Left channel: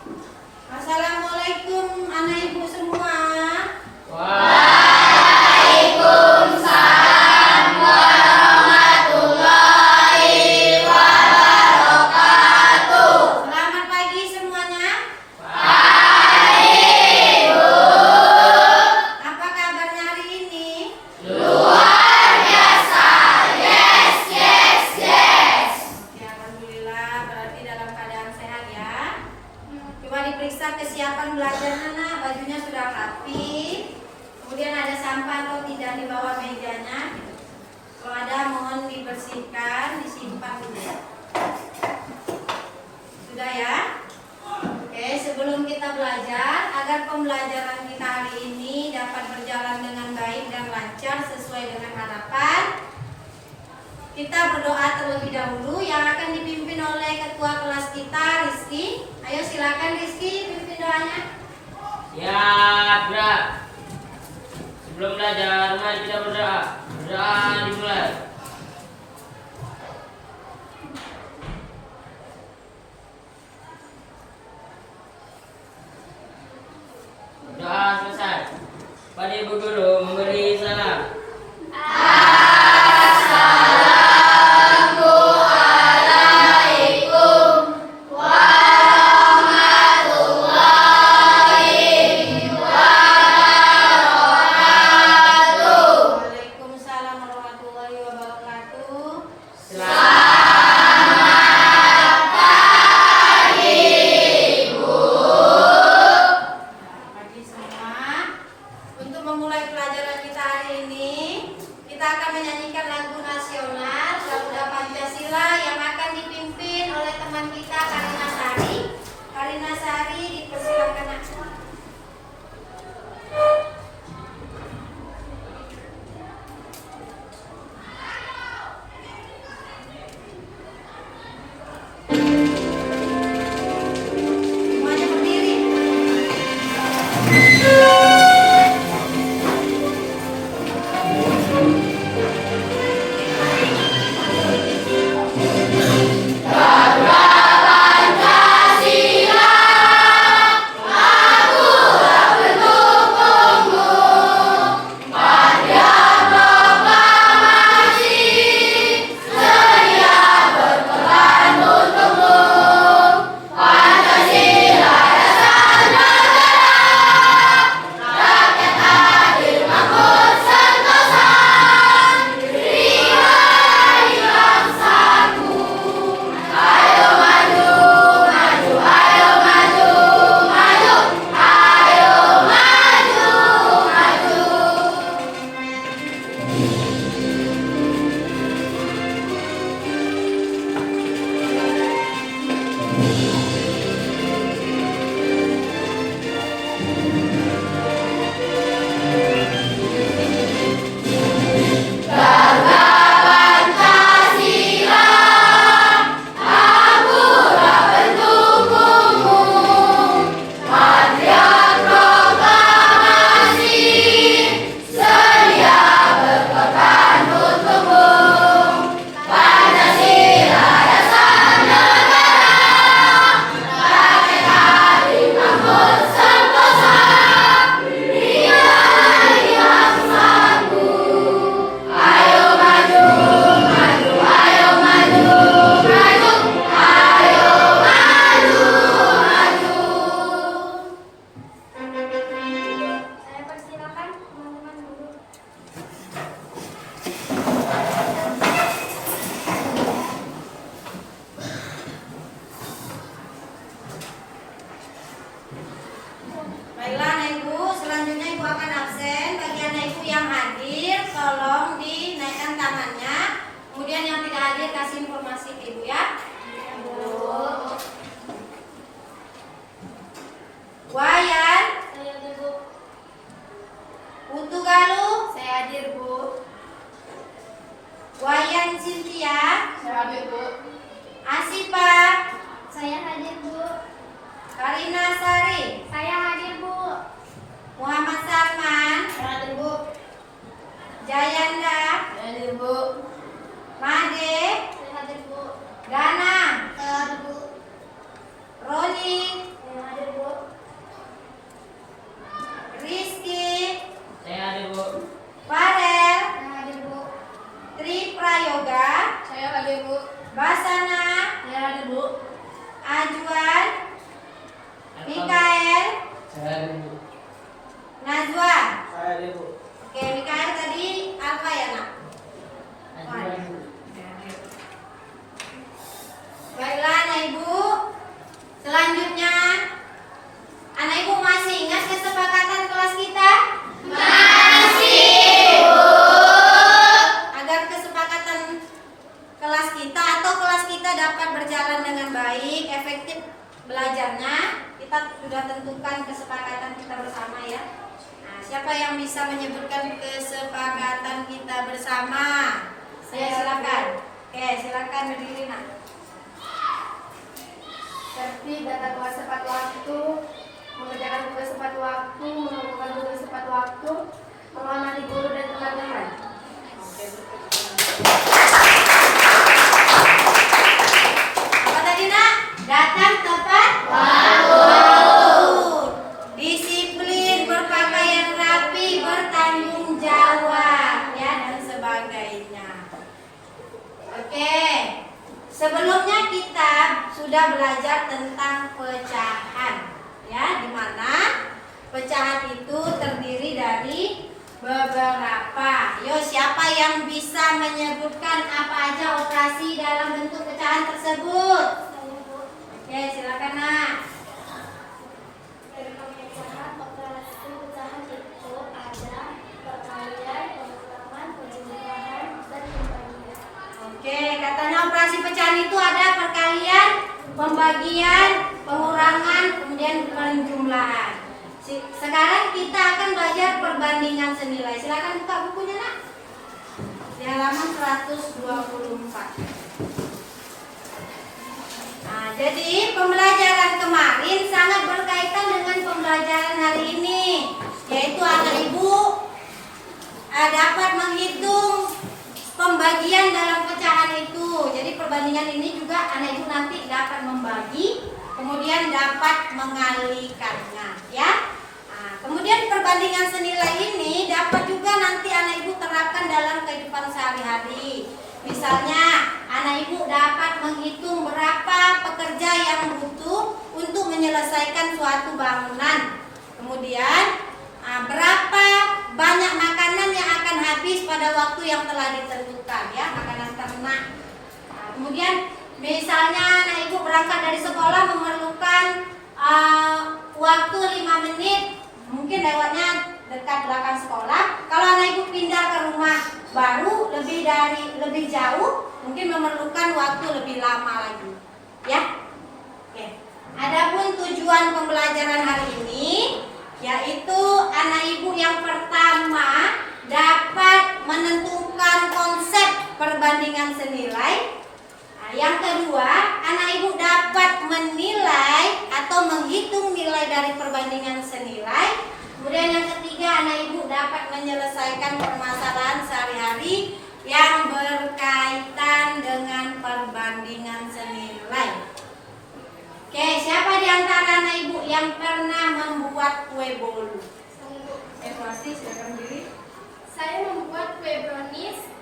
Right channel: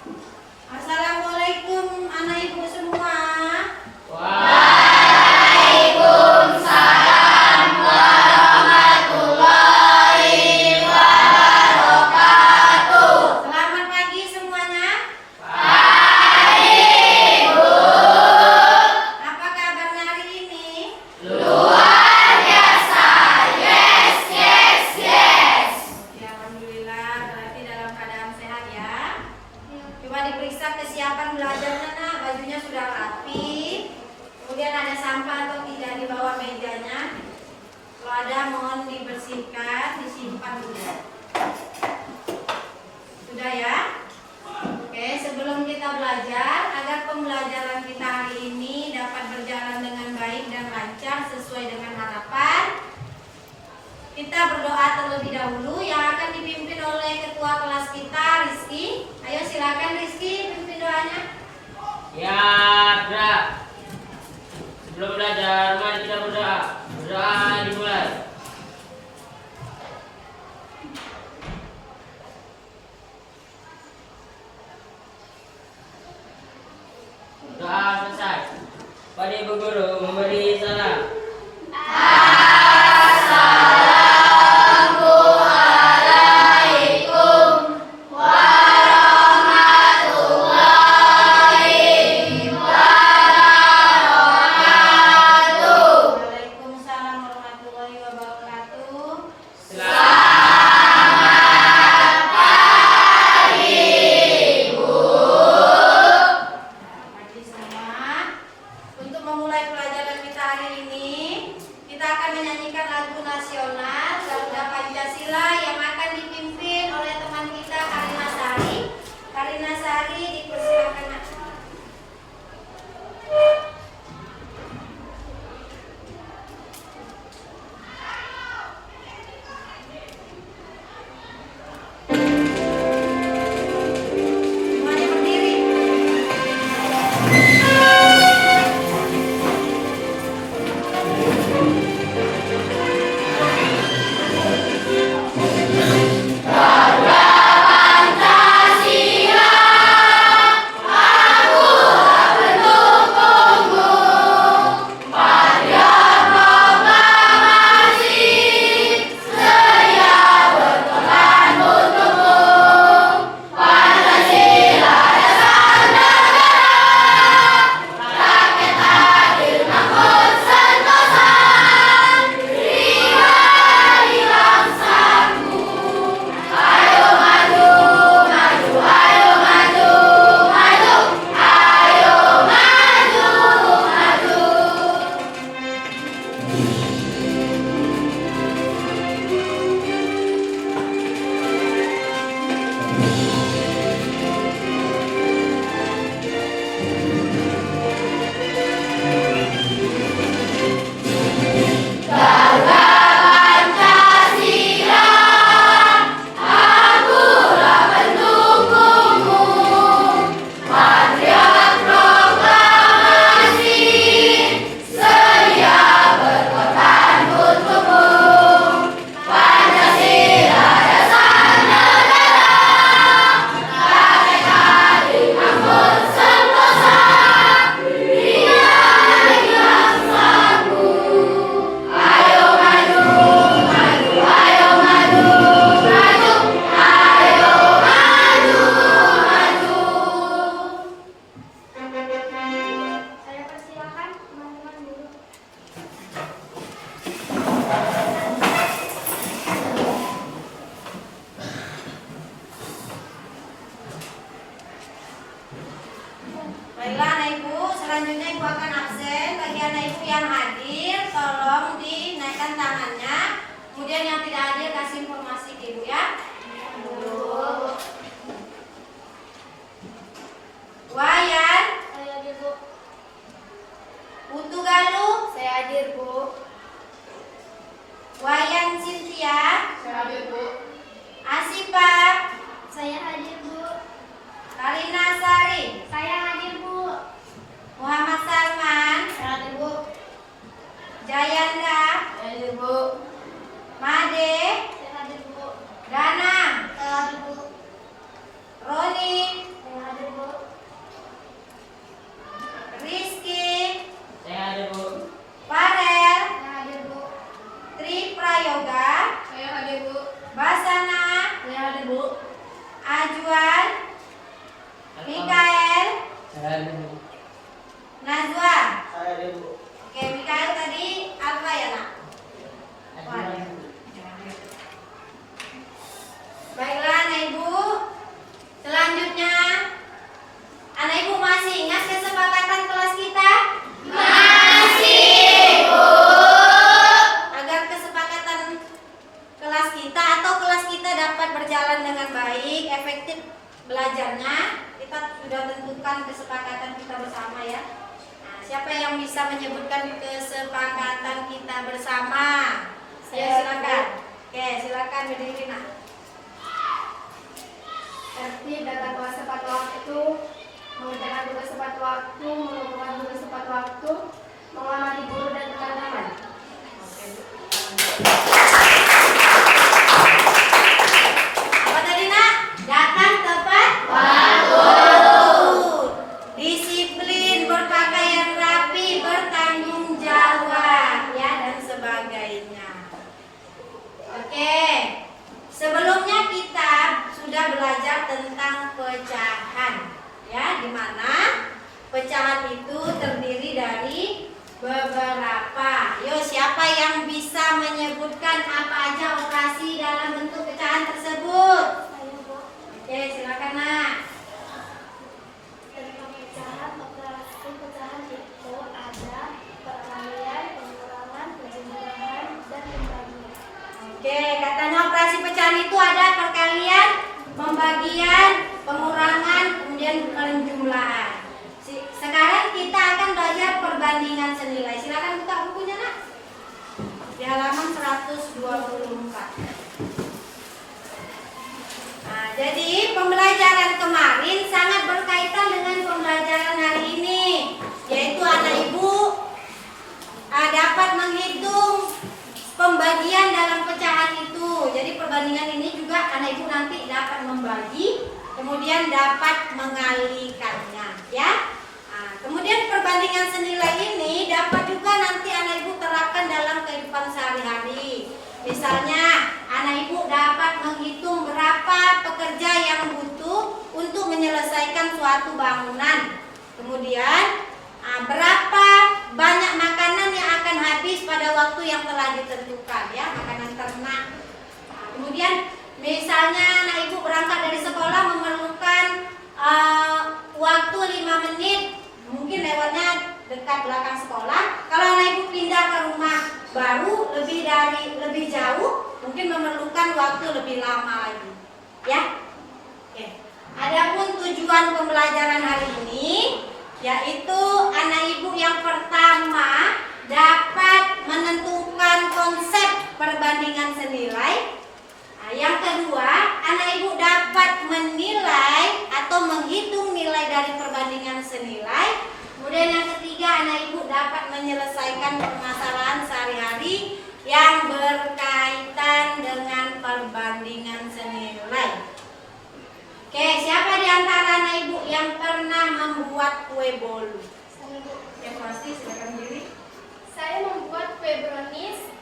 Assalamualaikum anak ibu semua. Waalaikumsalam warahmatullahi wabarakatuh. Selamat pagi semuanya. Pagi, Bu. Apa kabarnya hari ini? Luar biasa. Yes, yes, yes. Ya, alhamdulillah, berarti dalam keadaan sehat ya. Coba diperiksa kesiapan belajarnya, nak. Bajunya sudah rapi. Kemudian ada sampah atau tidak di bawah mejanya. Kalau ada mohon dibersihkan, disimpan dulu. Sudah ya? Oke, sebelum kita belajar, agar pembelajaran kita hari ini dapat berjalan dengan baik dan lancar sesuai dengan harapan, kita berdoa terlebih dahulu yang akan dipimpin oleh ketua kelas kita, Rizky. Ayo silakan Rizky, pimpin doanya. Ya, Bra. Sebelum belajar, mari kita berdoa. Berdoa dimulai. Doa selesai. Pada Ibu Guru memberi salam. Assalamualaikum warahmatullahi wabarakatuh. Waalaikumsalam warahmatullahi wabarakatuh. Selamat pagi, Bu. Pagi semua. Untuk memulai pelajaran kita hari ini, kita akan menyanyikan lagu nasional Garuda Pancasila yang akan dipimpin oleh teman kita Karina Sari. Karina Sari, dipersilakan. Nak. Semuanya berdiri. Garuda Pancasila, aku pendukungmu. Karya proklamasi, sedia berkorban untukmu. Pancasila dasar negara, rakyat adil makmur sentosa. Berikan bangsaku. Ayo maju, maju, ayo maju, maju, ayo maju, maju. Garuda Pancasila, akulah pendukungmu. Patriot proklamasi, sedia berkorban untukmu. Pancasila dasar negara, rakyat adil makmur sentosa. Berikan bangsaku. Ayo maju, maju, ayo maju, maju, ayo maju, maju. Saya persilakan teman-teman dulu. Baiklah anak ibu, selanjutnya ibu akan absen. Bagi anak ibu yang hadir, tolong dinaikkan tangannya. Kemudian yang tidak hadir kasih informasi ke ibu ya. Wayan, Saya hadir, Bu. Putu Galuh, Saya hadir, Bu. Wayan Cynthia, Saya hadir, Bu. Asipa, Saya hadir, Bu. Karina Sari, Saya hadir, Bu. Muhammad Salman, Saya hadir, Bu. Jayanda, Saya hadir, Bu. Made, Saya hadir, Bu. Dana kita sudah tentukan kesepakatan kita bersama ya. Nah, siapa yang bisa menyebutkan kesepakatan kita bersama? Saya silakan. Oke, silakan berdiri nak. Tertib dan tata tepat waktu, mengerjakan tugas tepat waktu, melakukan tugas tepat waktu, menghormati guru dan teman-teman. Apa tadi nak? Datang tepat waktu. Disiplin, berpakaian rapi, bertanggung jawab ya dan sebagainya. Oke. Sebelumnya kita sudah belajar tentang pecahan ya, di mana pecahan itu terdiri dari beberapa. Yo, siapa yang bisa menyebutkan apa aja operasi dalam bentuk pecahan tersebut? Oke, silakan nak. Dalam pecahan, operasi pecahan itu ada perkalian, pengurangan, penjumlahan, dan pembagian. Oke, katanya operasi pecahan itu ada perkalian, pembagian, pengurangan, kemudian penjumlahan. Sekarang kita akan belajar perbandingan senilai. Silakan buka bukunya nak. Di halaman 124. Nah, jadi pembelajaran kemarin sangat berkaitan dengan pembelajaran hari ini, yaitu anak ibu dapat menghitung pembagian dalam pecahan itu. Jadi perbandingan ini juga anak ibu nanti dapat membagi, kemudian dapat mengalikannya, ya. Nah, kemudian perbandingan senilai ini dapat juga nanti anak ibu terapkan dalam kehidupan sehari-hari. Misalnya, anak ibu dapat menghitung berapa pekerja yang butuh untuk menyelesaikan suatu bangunan. Kemudian, berapa banyak makanan yang akan habis pada waktu yang telah ditentukan, ya, makanan ternak. Nah, kemudian misalnya anak ibu berangkat dari sekolah memerlukan waktu 5 menit, mungkin lewatnya dekat belakang sekolah. Kalau anak ibu pindah ke rumah baru lebih jauh, mungkin memerlukan waktu lebih lama lagi, ya. Oke. Adapun tujuan pembelajaran hari ini yaitu anak ibu yang pertama dapat menentukan konsep perbandingan senilai. Nah, yang kedua, anak ibu dapat menilai atau menghitung nilai dari perbandingan senilai. Kemudian yang ketiga, anak ibu dapat menyelesaikan permasalahan sehari-hari yang berkaitan dengan perbandingan senilai. Oke, siapa di antara anak ibu yang pernah membuat kue bolu? Pasti silakan diri. Saya membuat kue brownies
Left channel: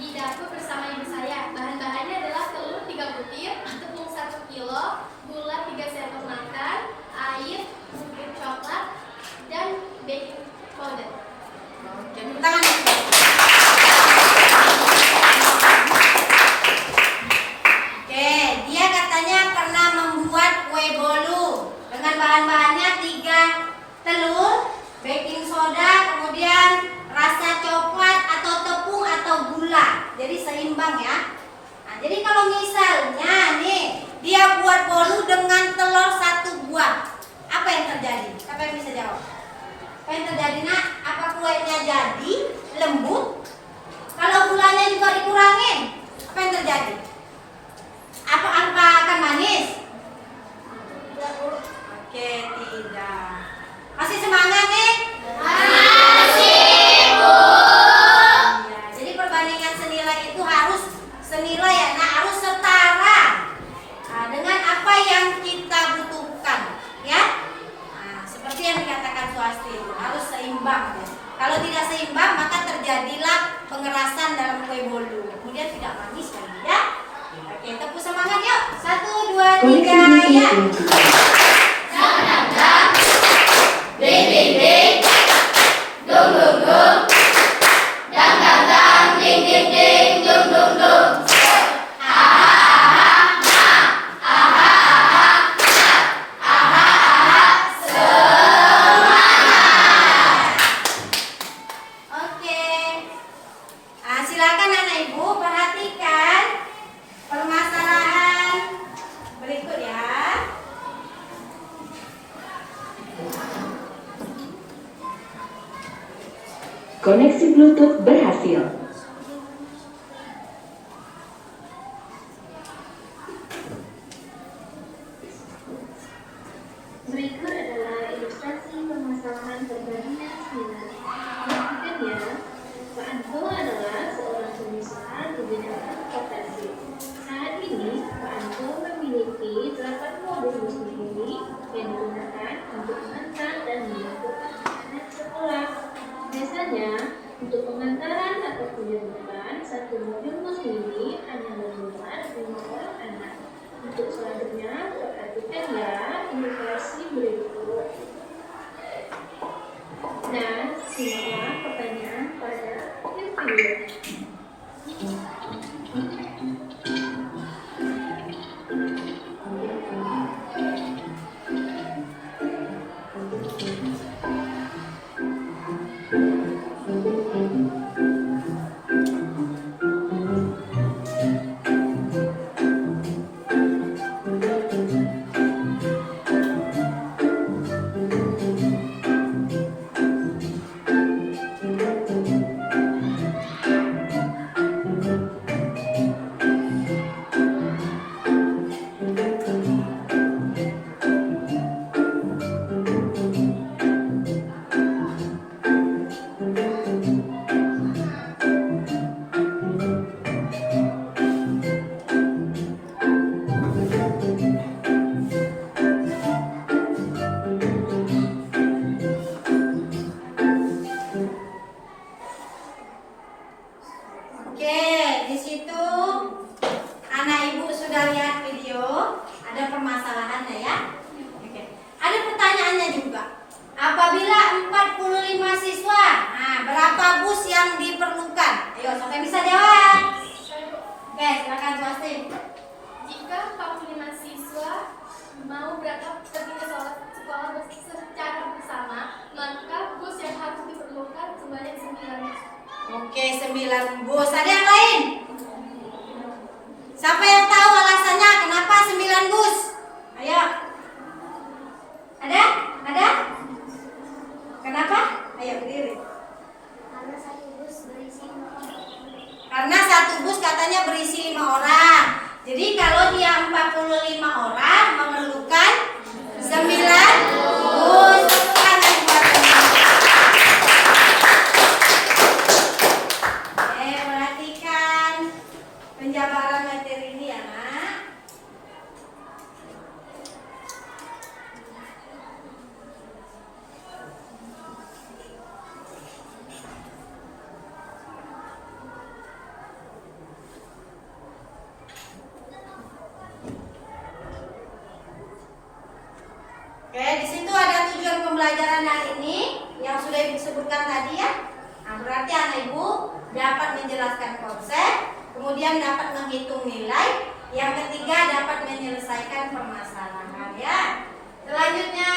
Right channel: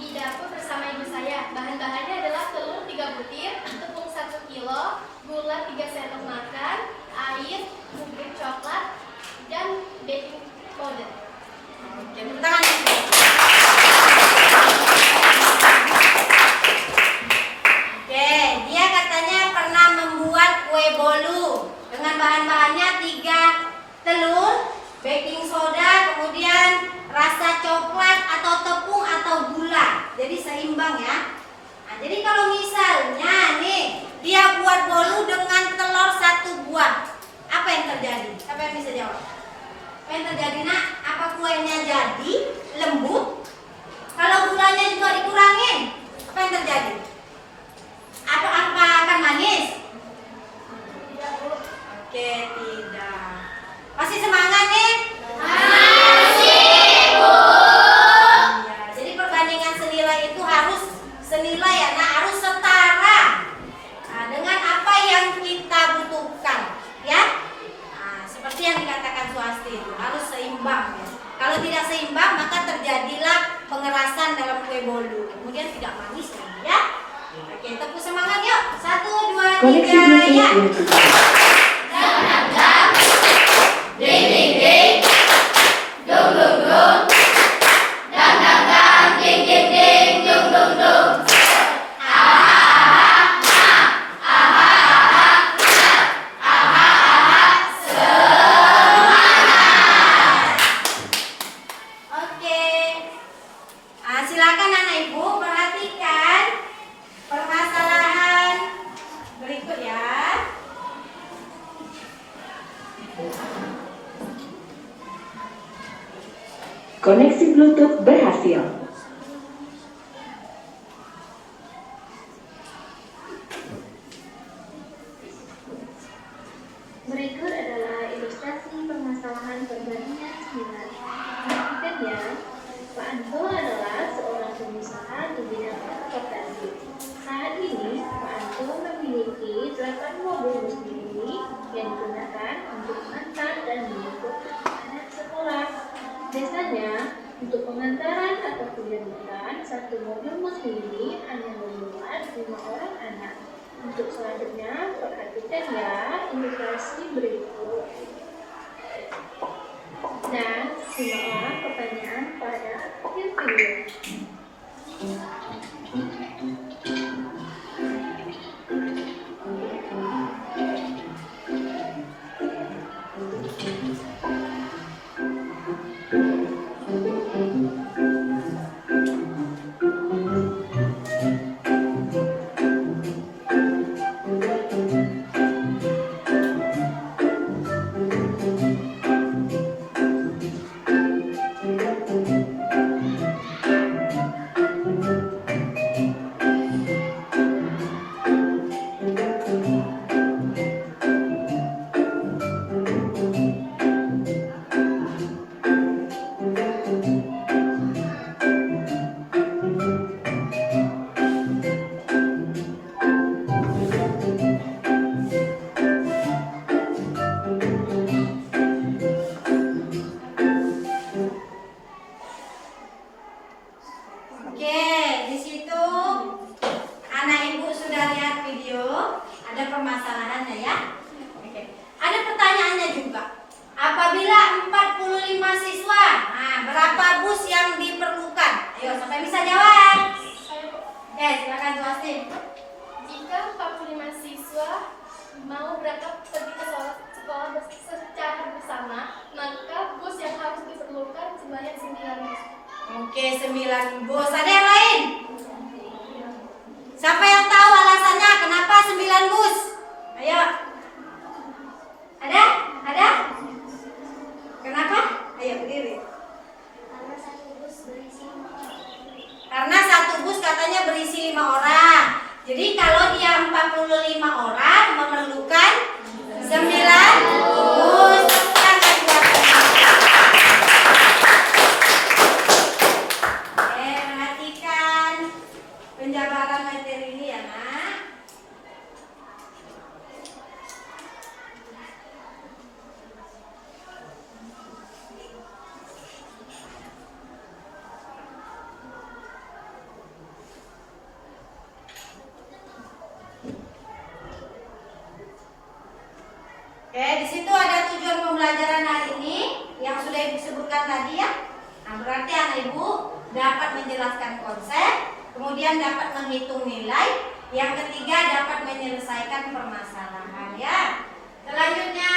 di dapur bersama ibu saya. Bahan-bahannya adalah telur 3 butir, tepung 1 kilo, gula 3 sendok makan, air, bubuk coklat, dan baking powder. Oke, tepuk tangan. Oke, dia katanya pernah membuat kue bolu dengan bahan-bahannya 3 telur, baking soda, kemudian rasa coklat atau tepung atau gula. Jadi seimbang ya. Nah, jadi kalau misalnya nih dia buat bolu dengan telur 1 buah, apa yang terjadi? Siapa yang bisa jawab? Apa yang terjadi nak? Apa kuenya jadi lembut? Kalau gulanya juga dikurangin, apa yang terjadi? Apa akan manis? Tidak, Bu. Oke, tidak. Masih semangat nih? Masih, Bu. Iya, jadi perbandingan senilai itu harus senilai ya, nah harus setara dengan apa yang kita butuhkan, ya. Nah, seperti yang dikatakan Swasti itu harus seimbang ya. Kalau tidak seimbang maka terjadilah pengerasan dalam kue bolu, kemudian tidak manis lagi ya. Oke, tepuk semangat yuk. 1, 2, 3 ya. Ding ding ding, dung dung dung, dang dang dang, ding ding ding, dung dung dung. Oke. Silakan anak ibu perhatikan permasalahan berikut ya. Koneksi Bluetooth berhasil. Berikut adalah ilustrasi permasalahan perbandingan nilai. Perhatikannya, Pak Anto adalah seorang pengusaha di bidang transportasi. Saat ini, Pak Anto memiliki 8 mobil bus mini yang digunakan untuk mengantar dan menjemput anak sekolah. Biasanya, untuk pengantaran atau penjemputan, satu mobil bus mini hanya memuat 5 orang anak. Untuk selanjutnya, perhatikan ya ilustrasi berikut. Dan simaklah pertanyaan pada akhir video. Oke, di situ anak ibu sudah lihat video, ada permasalahannya ya. Oke. Ada pertanyaannya juga. Apabila 45 siswa, nah, berapa bus yang diperlukan? Ayo, sampai bisa jawab. Oke, silakan Justin. Jika 45 siswa mau berangkat pergi ke sekolah secara bersama, maka bus yang harus diperlukan sebanyak 9 bus. Oke, 9 bus. Ada yang lain? Siapa yang tahu alasannya kenapa 9 bus? Ayo. Ada? Ada? Kenapa? Ayo berdiri. Karena satu bus berisi 5 orang. Karena satu bus katanya berisi 5 orang. Jadi kalau dia 45 orang memerlukan 9 bus. Oke, perhatikan penjabaran materi ini ya, Nak. Oke, di situ ada tujuan pembelajaran hari ini yang sudah Ibu sebutkan tadi ya. Nah, berarti anak Ibu dapat menjelaskan konsep, kemudian dapat menghitung nilai, yang ketiga dapat menyelesaikan permasalahan ya. Selanjutnya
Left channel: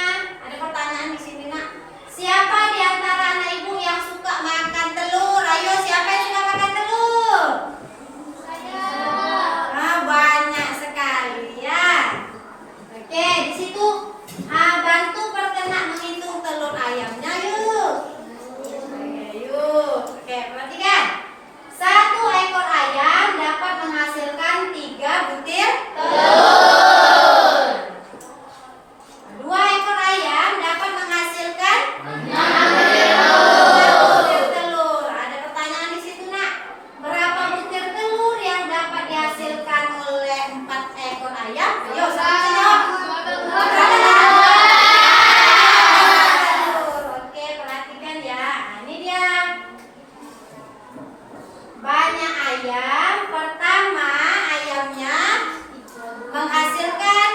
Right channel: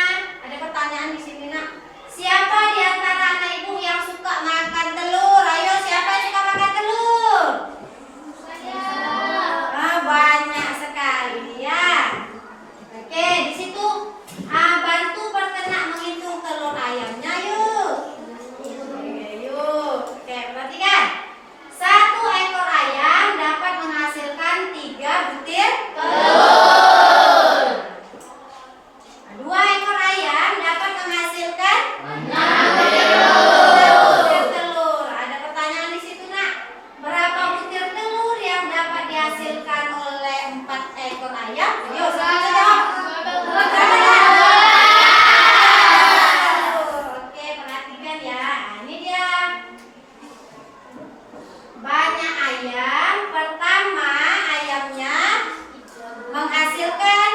ada pertanyaan di sini, Nak. Siapa di antara anak Ibu yang suka makan telur? Ayo, siapa yang suka makan telur? Saya. Ah, banyak sekali ya. Oke, di situ bantu perkenak menghitung telur ayamnya yuk. Oke, yuk. Oke, perhatikan. 1 ekor ayam dapat menghasilkan 3 butir telur. 2 ekor ayam dapat menghasilkan 6 butir telur. Ada pertanyaan di situ, Nak. Berapa butir telur yang dapat dihasilkan oleh 4 ekor ayam? Ayo, siapa yang jawab? Oke, perhatikan ya. Ini dia. Banyak ayam. Pertama, ayamnya menghasilkan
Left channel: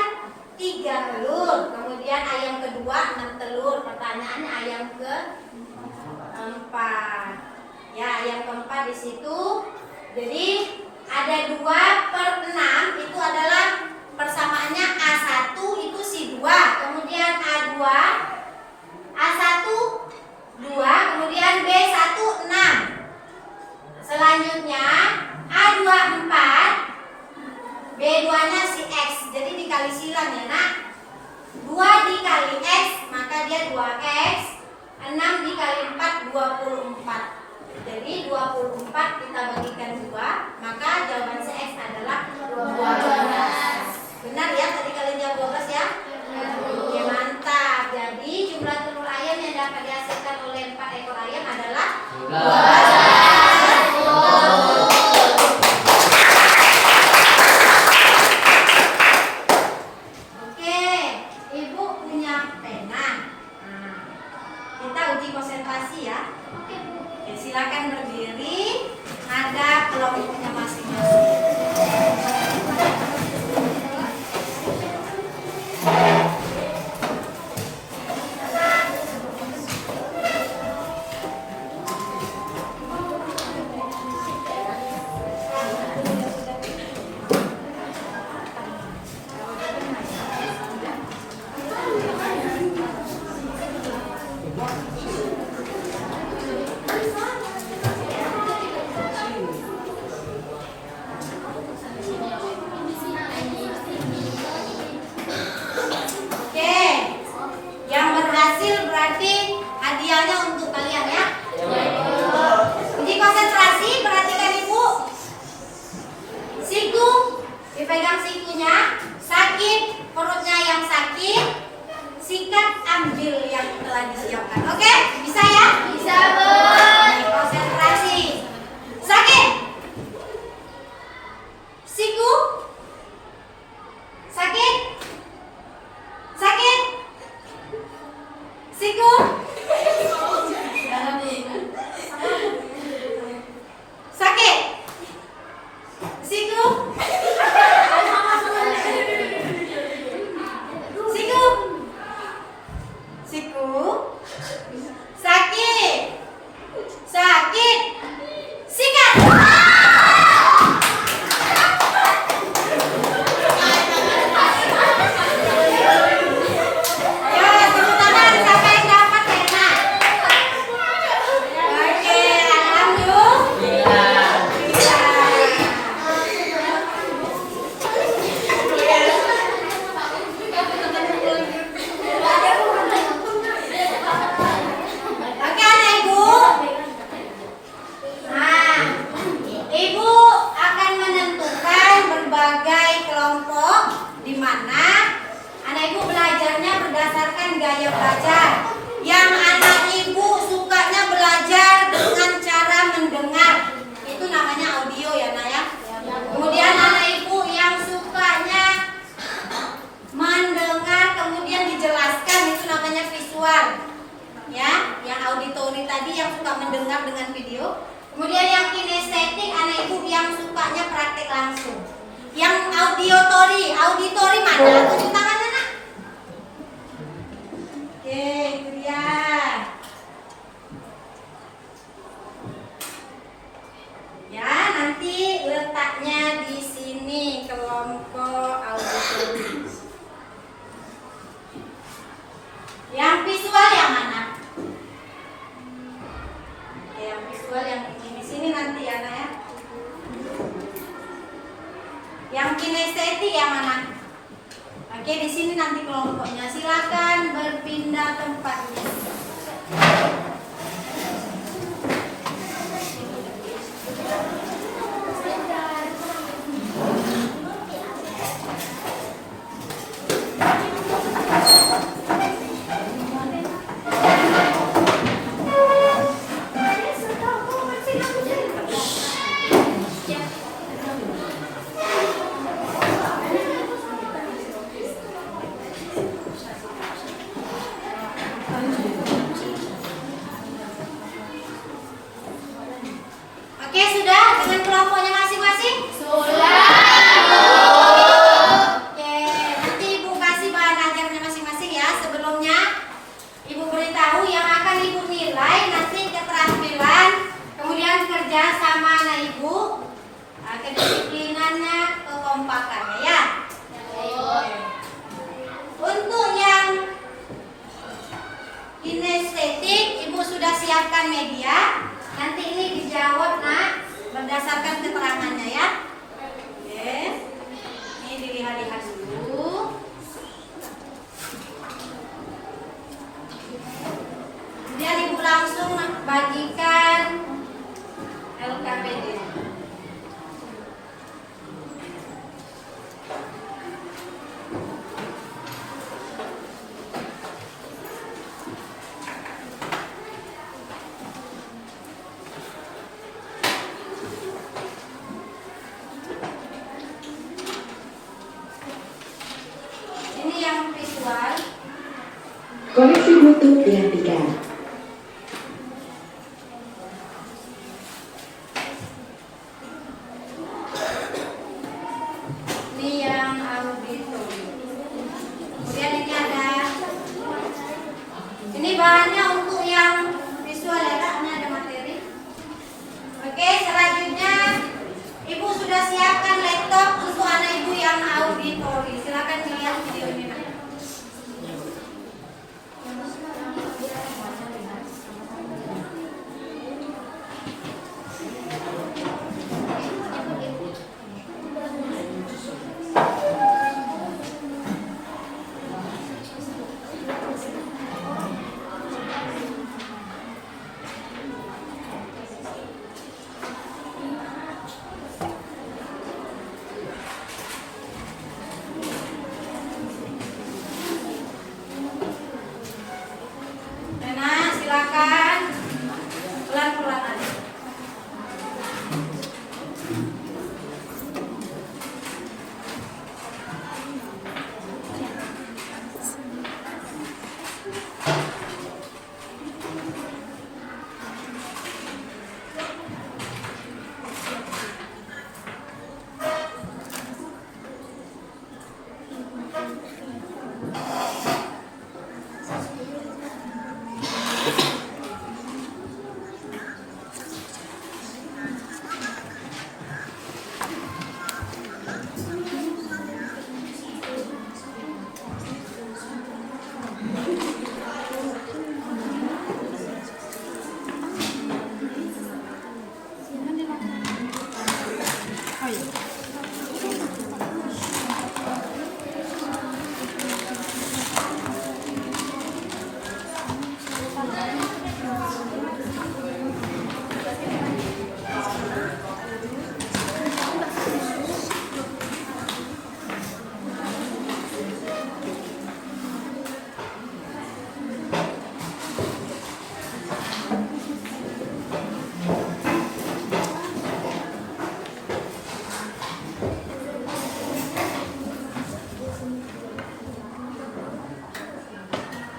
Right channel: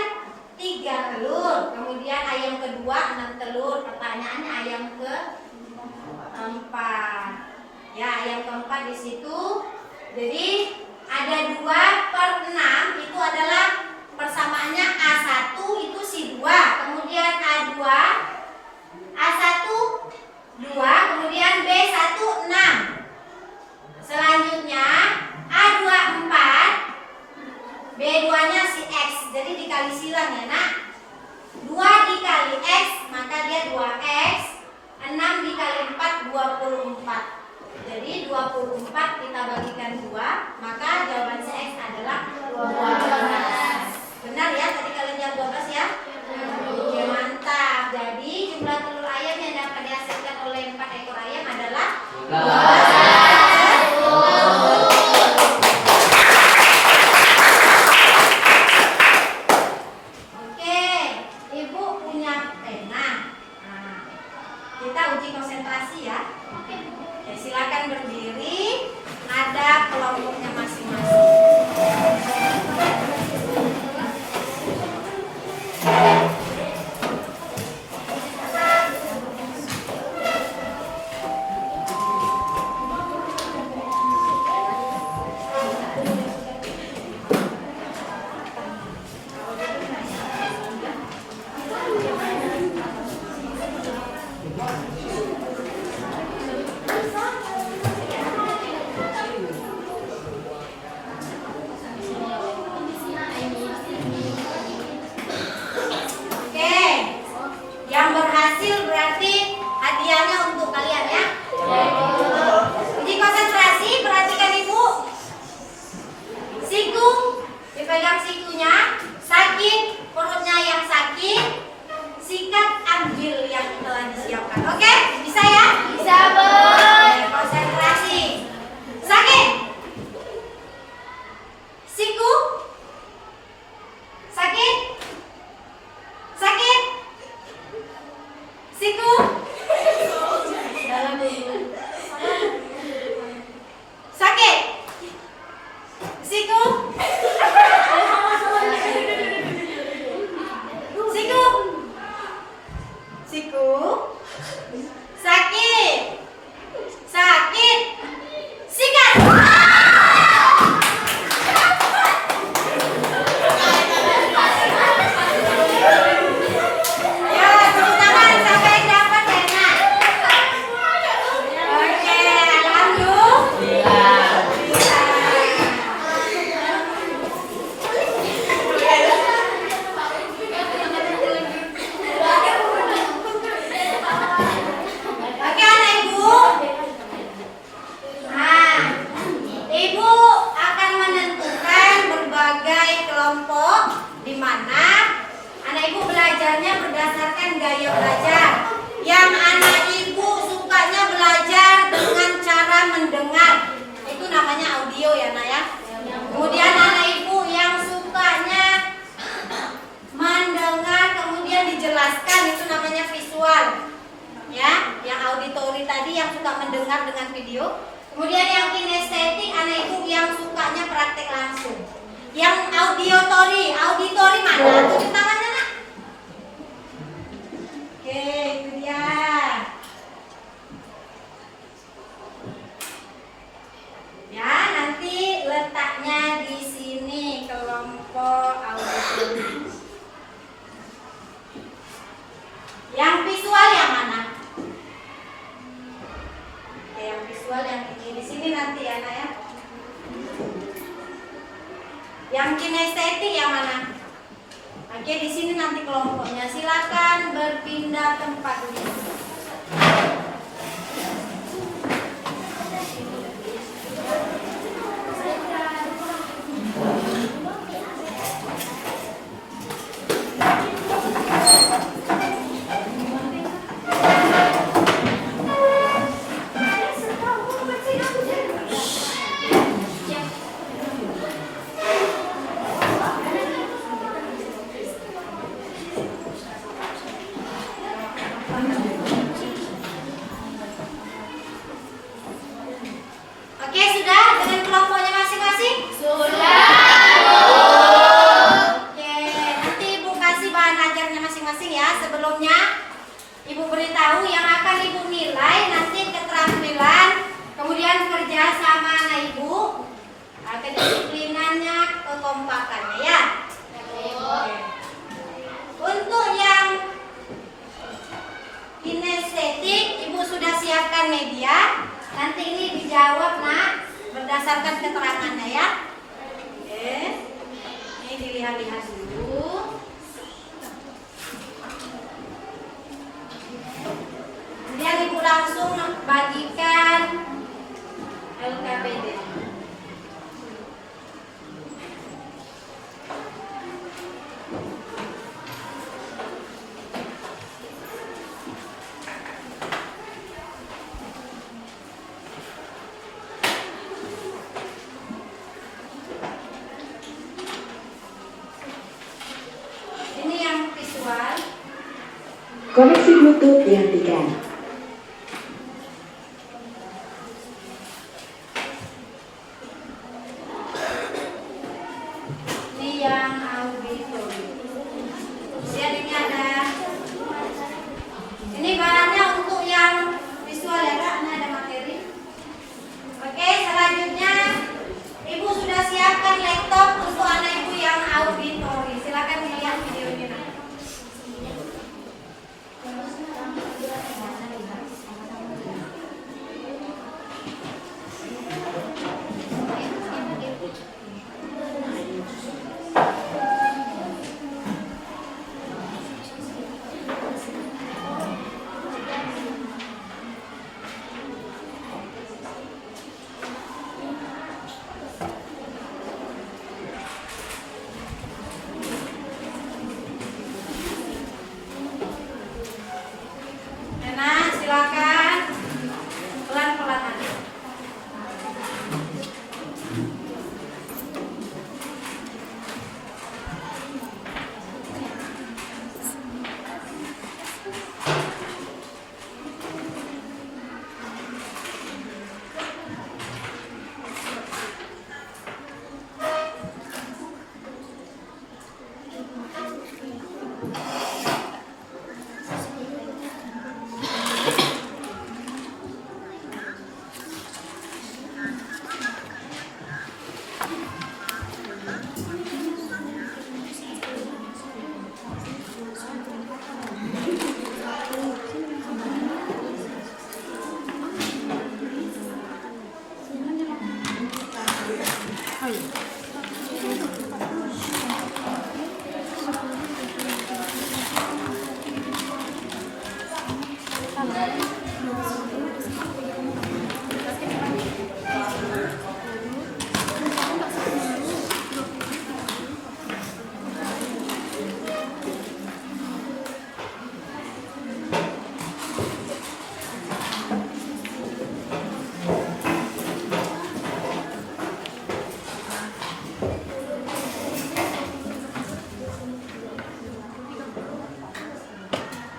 3 telur. Kemudian ayam kedua 6 telur. Pertanyaannya ayam keempat. Ya, ayam keempat di situ. Jadi ada 2/6 itu adalah persamaannya A1 itu si 2, kemudian A2 A1 2, kemudian B1 6. Selanjutnya A2 4, B2 nya si X. Jadi dikali silang ya, Nak. 2 dikali X maka dia 2X. 6 dikali 4 24. Jadi 24 kita bagikan 2, maka jawaban CX adalah 12. Benar ya, tadi kalian jawab 12 ya? Oke, mantap. Jadi jumlah telur ayam yang dapat dihasilkan oleh 4 ekor ayam adalah 12. Oke, Ibu punya pena. Nah, kita uji konsentrasi ya. Oke, silakan berdiri. Ada kelompoknya masing-masing. Oke, yang berhasil berarti hadiahnya untuk kalian ya. Uji konsentrasi, perhatikan Ibu. Siku, dipegang sikunya. Sakit, perutnya yang sakit. Sikat, ambil yang telah disiapkan. Oke, bisa ya? Bisa, Bu. Oke, konsentrasi. Sakit. Siku. Sakit. Sakit. Siku. Sakit. Siku. Siku. Siku. Sakit. Sakit. Sikat. Ya, tepuk tangan siapa yang dapat pena. Oke, alhamdulillah. Oke, anak Ibu. Nah, Ibu akan menentukan berbagai kelompok di mana anak Ibu belajarnya berdasarkan gaya belajar. Yang anak Ibu sukanya belajar dengan cara mendengar, itu namanya audio ya, Nak ya. Kemudian anak Ibu yang sukanya mendengar kemudian dijelaskan, itu namanya visual. Ya, yang auditori tadi yang suka mendengar dengan video. Kemudian yang kinestetik, anak Ibu yang sukanya praktek langsung. Yang auditori mana? Tunjuk tangannya, Nak. Oke, itu dia. Ya, nanti letaknya di sini kelompok auditori. Yang visual yang mana? Oke, yang visual yang ini di sini nanti ya, Nak ya. Yang kinestetik yang mana? Oke, di sini nanti kelompoknya. Silakan berpindah tempat. Oke, sudah dengan kelompoknya masing-masing? Sudah. Oke, nanti Ibu kasih bahan ajarnya masing-masing ya. Sebelumnya Ibu beritahu yang akan Ibu nilai nanti keterampilan, kemudian kerja sama anak Ibu, kedisiplinannya, kekompakannya ya. Untuk yang kinestetik, Ibu sudah siapkan media. Nanti ini dijawab, Nak, berdasarkan keterangannya ya. Oke. Ini dilihat-lihat dulu. Kemudian Ibu langsung bagikan Koneksi Bluetooth dihentikan. Ini yang auditorium. Kemudian ini ada, ini bahannya untuk yang visual ya Kak, ini ada materi. Oke, selanjutnya Ibu sudah siapkan laptop untuk anak Ibu yang auditori. Silakan dilihat videonya. Rena, silakan pelan-pelan aja.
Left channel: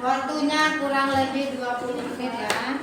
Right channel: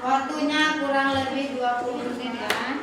Waktunya kurang lebih 20 menit ya.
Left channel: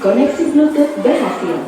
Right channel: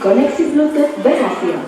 Koneksi Bluetooth berhasil.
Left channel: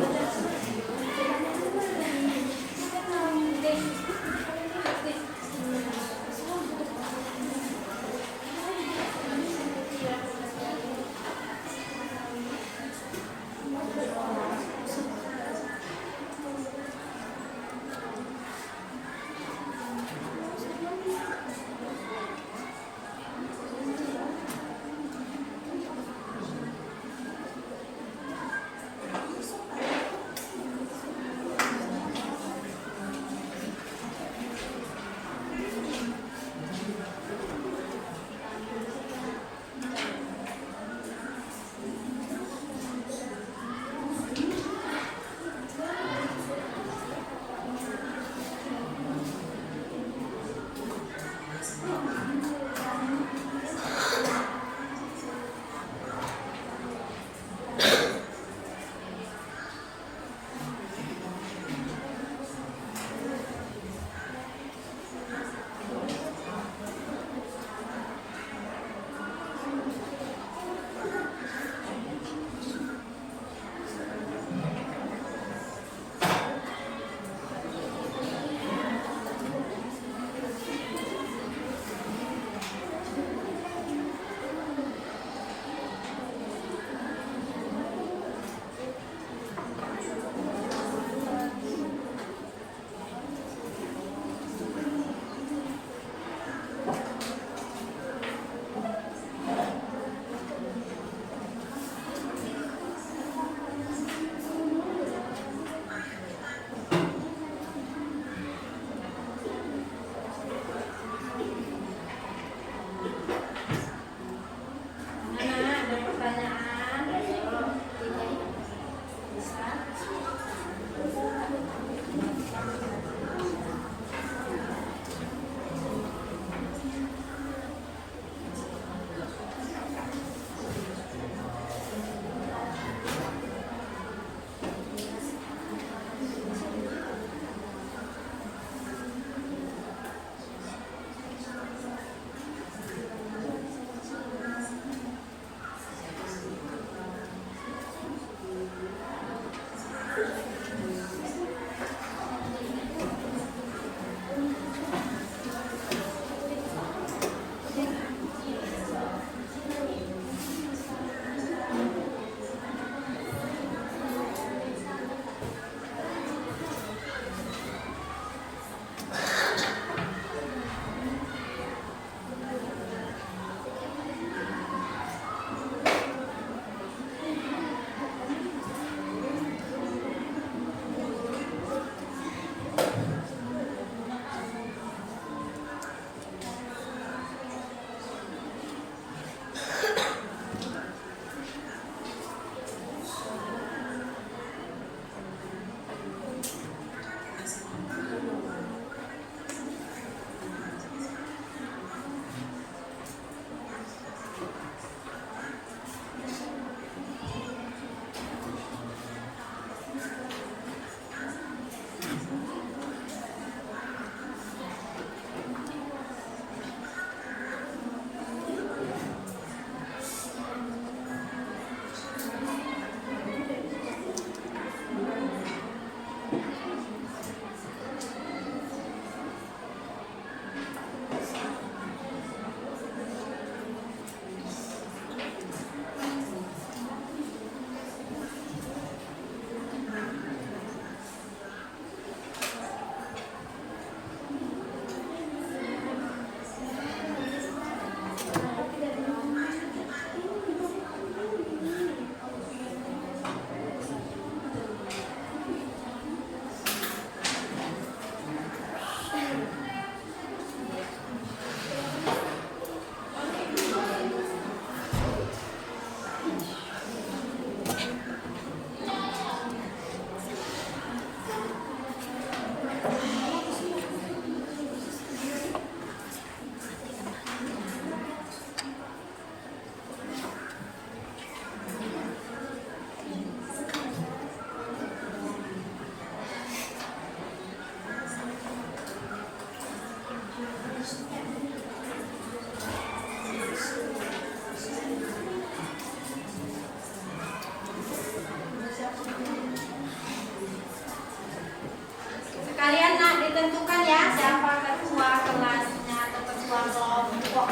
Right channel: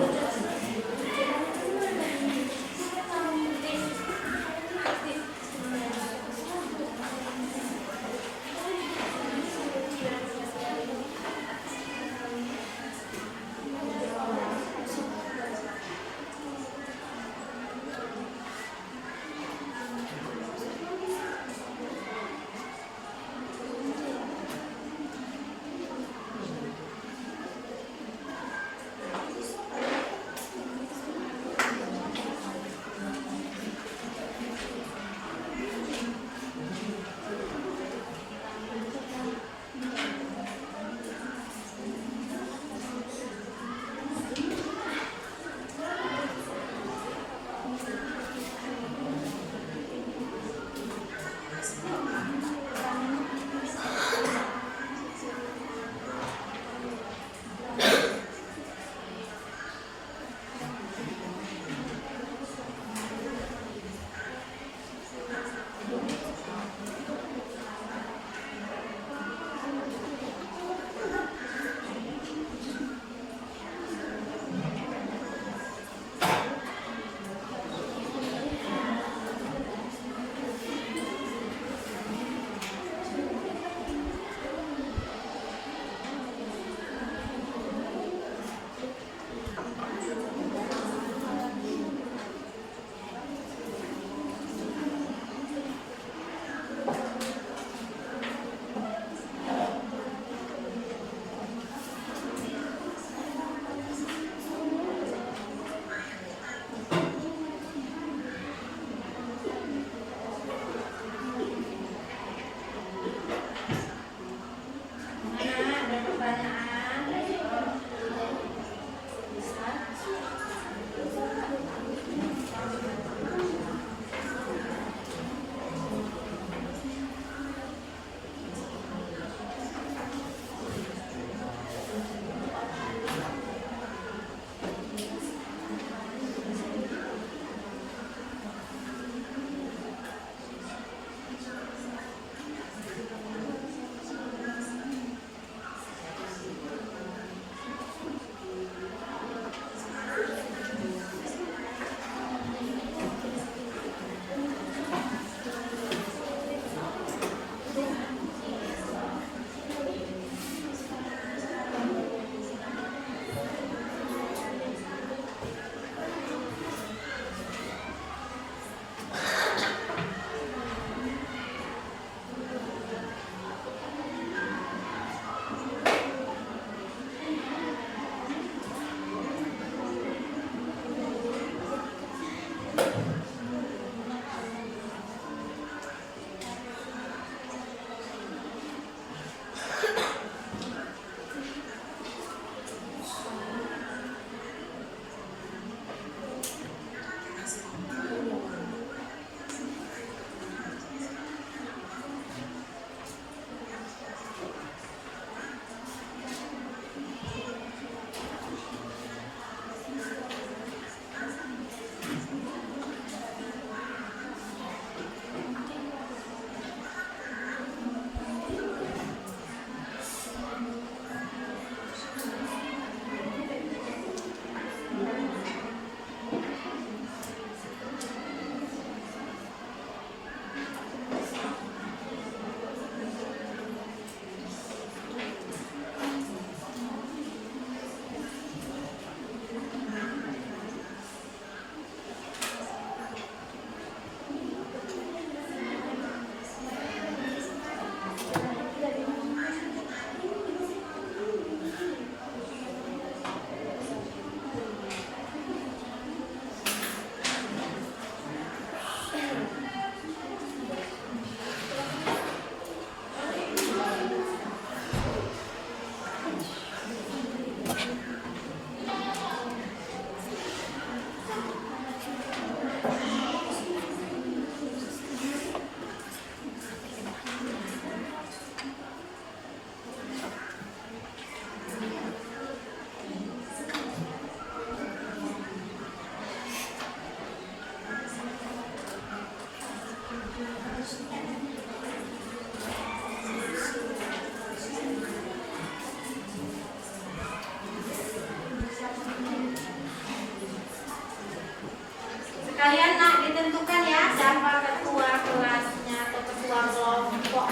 Kalian nak ditentukan ya siapa ketua kelasnya atau ketua kelompok.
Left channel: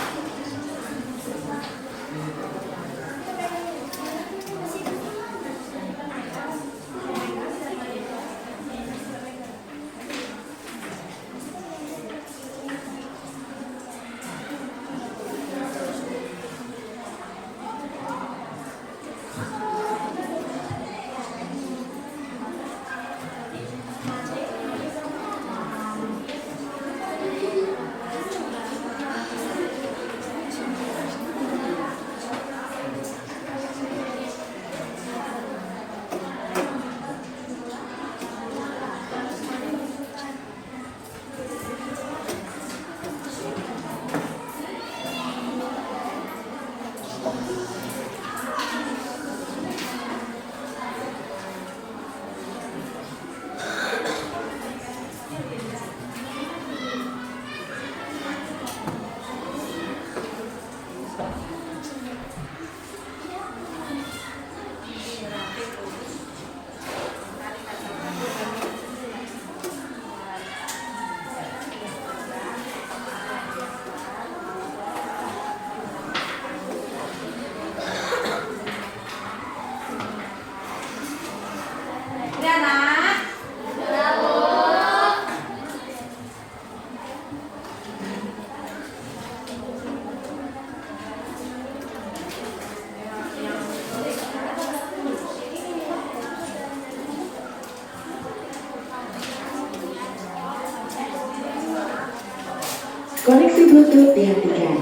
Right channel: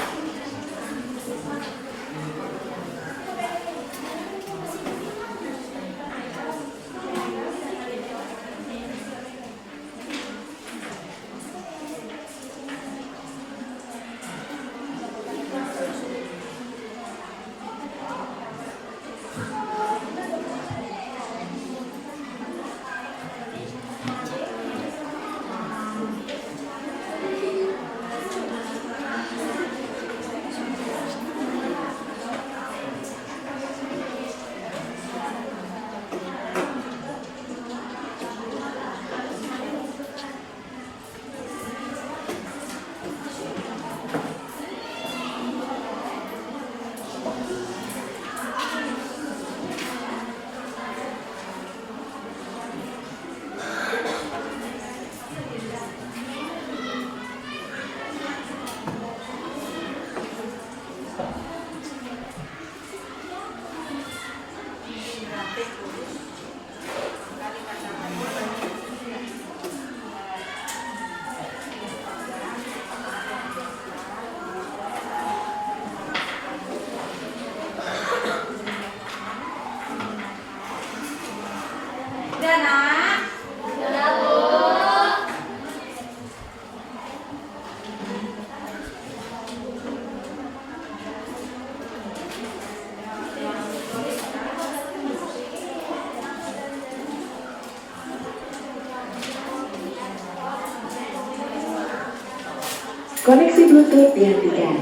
Udah nak? Koneksi Bluetooth dihentikan.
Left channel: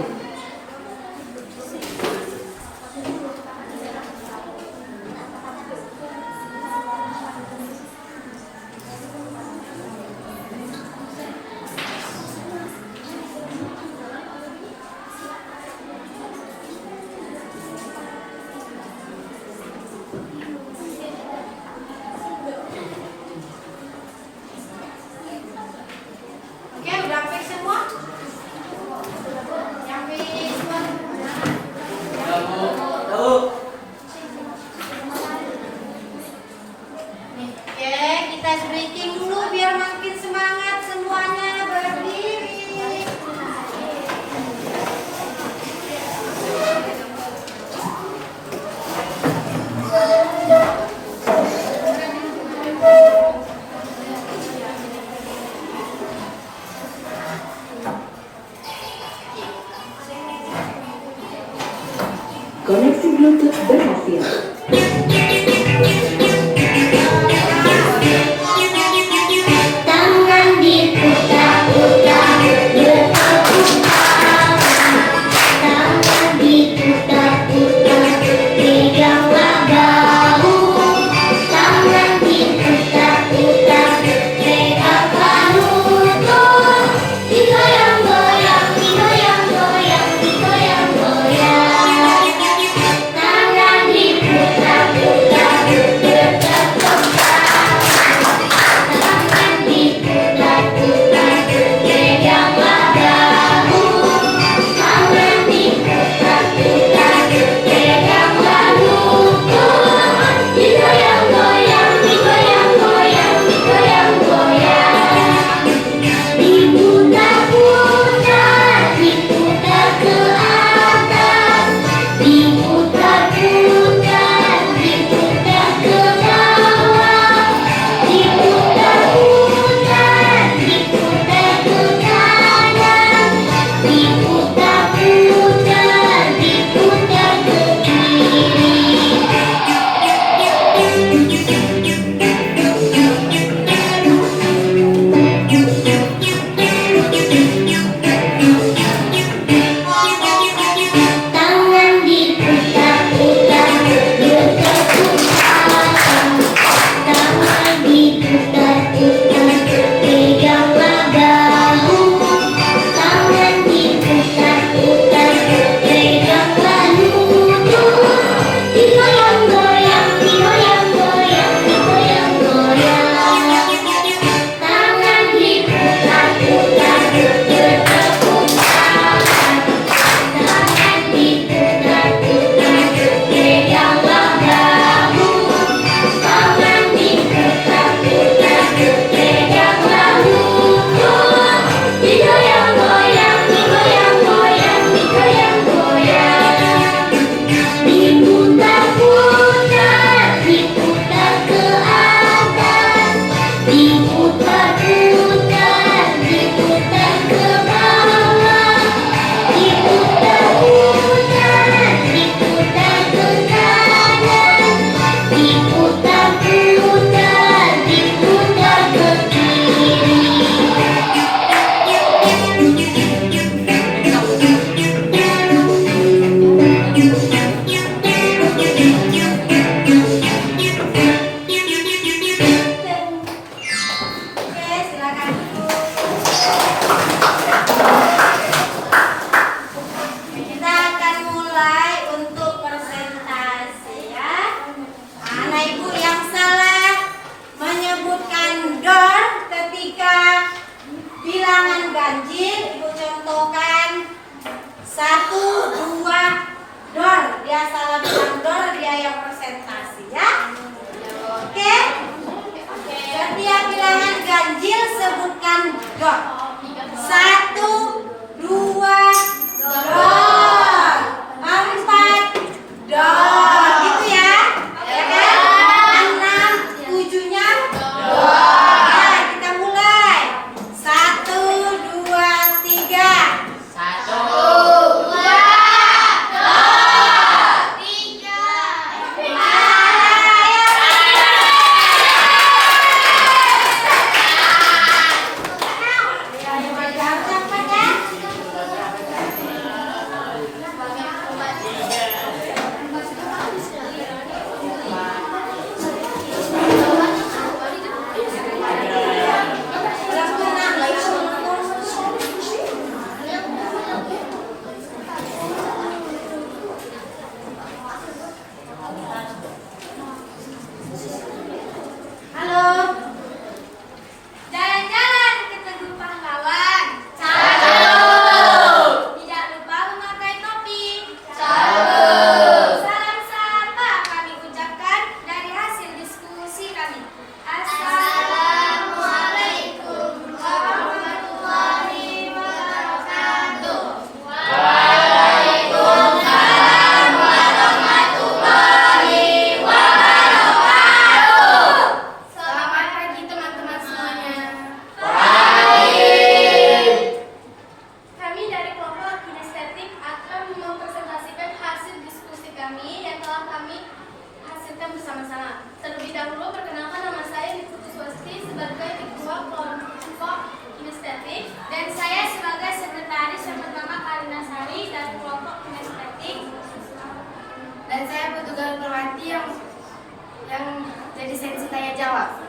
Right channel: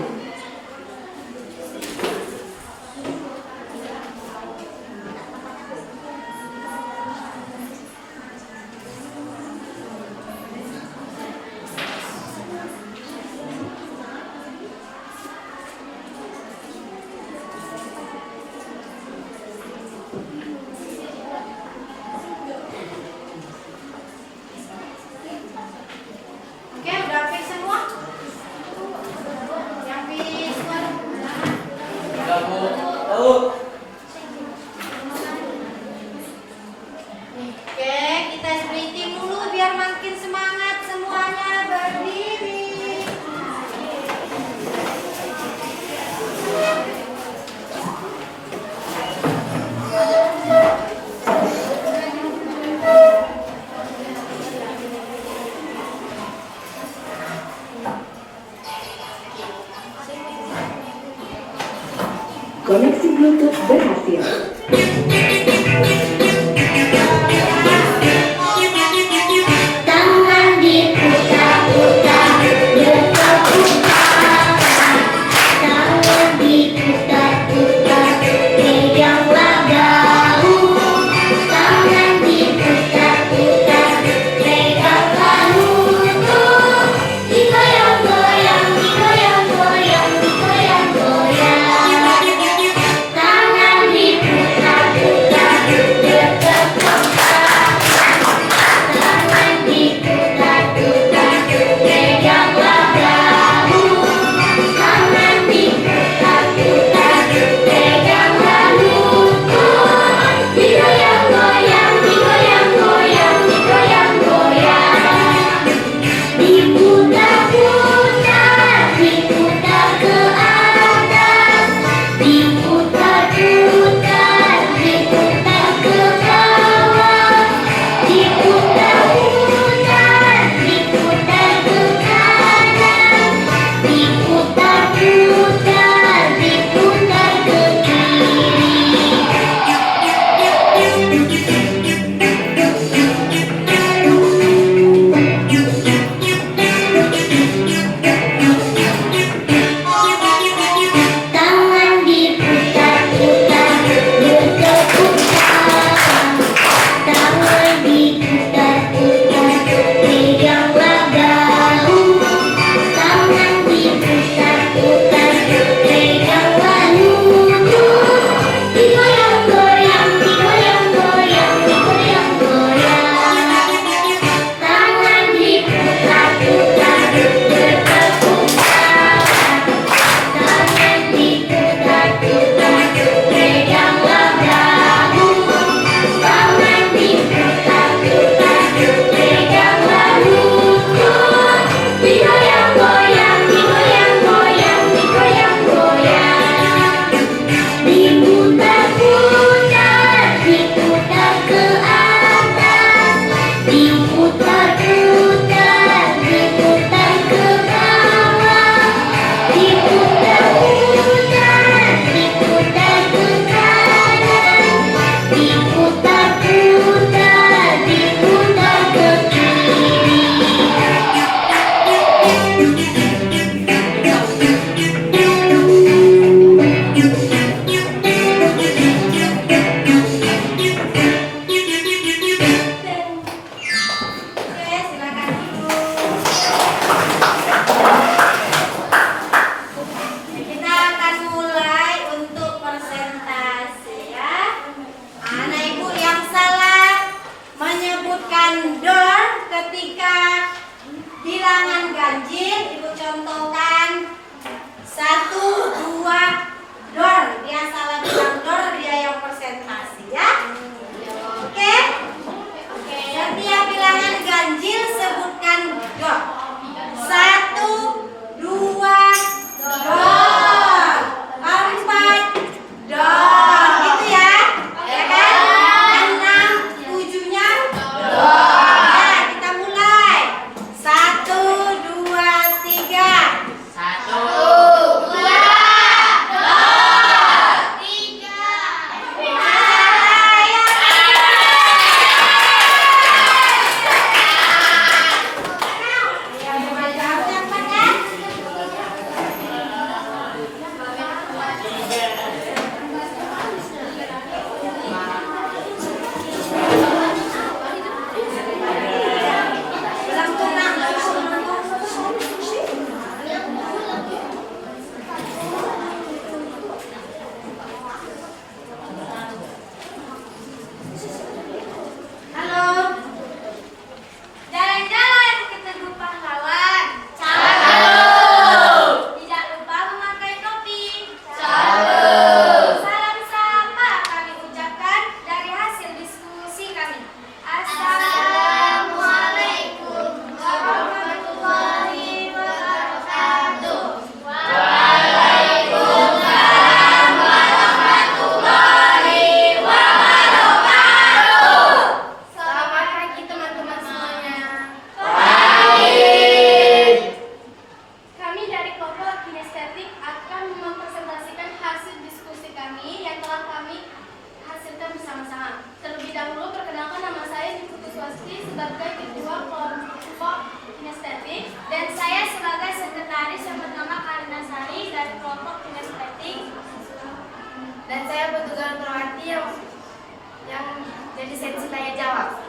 Oke, udah fix semua? Yang fix semua? Enggak, Bu. Tahu. Oke, kita ice breaking dulu biar makin semangat semuanya berdiri. Koneksi Bluetooth berhasil. Tangan diputar-putar, berputar. Tangan diputar-putar, peganglah gaung. Tangan diputar-putar, peganglah lutut. Digoyang-goyang, digoyang-goyang, digoyang-goyang. Tangan diputar-putar. Kita akan mulai untuk persentase ya. Anak ibu yang salah menyebutkan dor ketika bilangan ganjil, ibu contohkan 1, 2 dor. Dia salah bilang dor, dia yang persentase ya. Oke? Setiap bilangan ganjil sebutkan dor. 1, 2 dor, 4 dor, gitu ya, ya kan? 6, 7-nya dor. Nah, kita mulai. 1, 2, 3. 1, 2 dor 3. Halo. Jalan-jalan ke Tugu Pahlawan. Tidak lupa memakai topi. Salam sapa kami ucapkan dari hasil diskusi kami. Assalamualaikum warahmatullahi wabarakatuh. Waalaikumsalam warahmatullahi wabarakatuh. Selamat pagi teman-teman semuanya. Kami dari kelompok kinestetik akan mempresentasikan hasil diskusi kami yang telah kami hasilkan bersama-sama. Terlebih dahulu perkenalkan, nama saya Niputu Swasti sebagai ketua kelompok kinestetik dan saya sebagai sekretaris yang bernama Karina Sari dari kelompok kinestetik. Dan saya Betugal Perwati yang jadi sesi tanya jawab.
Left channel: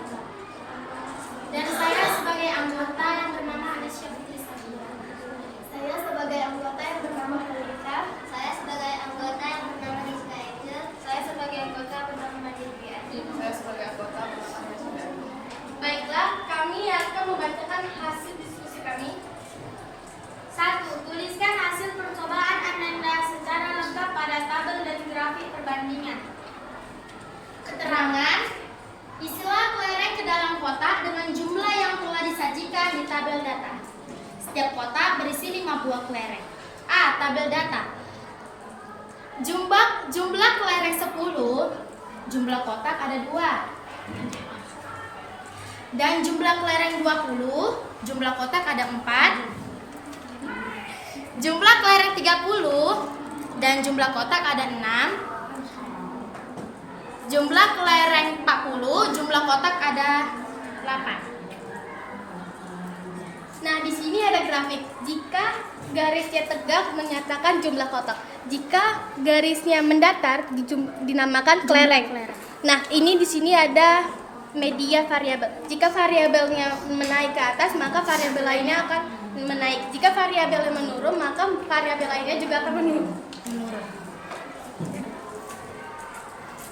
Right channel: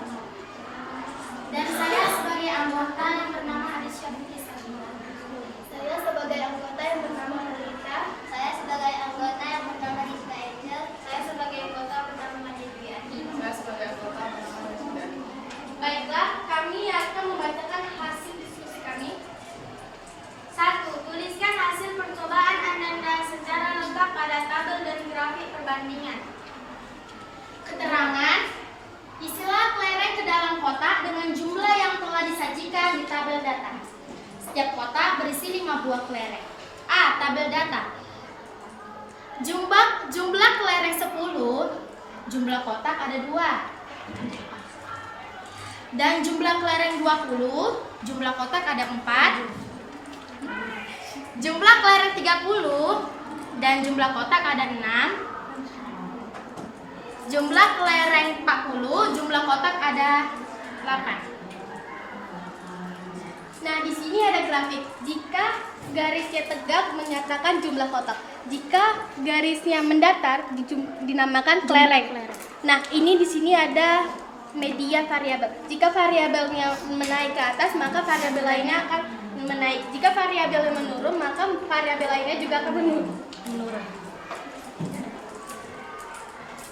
Dan saya sebagai anggota yang bernama Arisya Putri Sabira. Saya sebagai anggota yang bernama Harita. Saya sebagai anggota yang bernama Rizka Angel. Saya sebagai anggota yang bernama Nadia Dwiani. Saya sebagai anggota bernama Najib. Baiklah, kami akan membacakan hasil diskusi kami. 1. Tuliskan hasil percobaan Anda secara lengkap pada tabel dan grafik perbandingan. Keterangan: isilah kelereng ke dalam kotak dengan jumlah yang telah disajikan di tabel data. Setiap kotak berisi 5 buah kelereng. A. Tabel data. Jumlah kelereng 10, jumlah kotak ada 2. Dan jumlah kelereng 20, jumlah kotak ada 4. Jumlah kelereng 30 dan jumlah kotak ada 6. Jumlah kelereng 40, jumlah kotak ada 8. Nah, di sini ada grafik. Jika garisnya tegak menyatakan jumlah kotak. Jika garisnya mendatar dinamakan kelereng. Nah, ini di sini ada media variabel. Jika variabelnya menaik ke atas, maka variabel lainnya akan menaik. Jika variabelnya menurun, maka variabel lainnya juga akan menurun.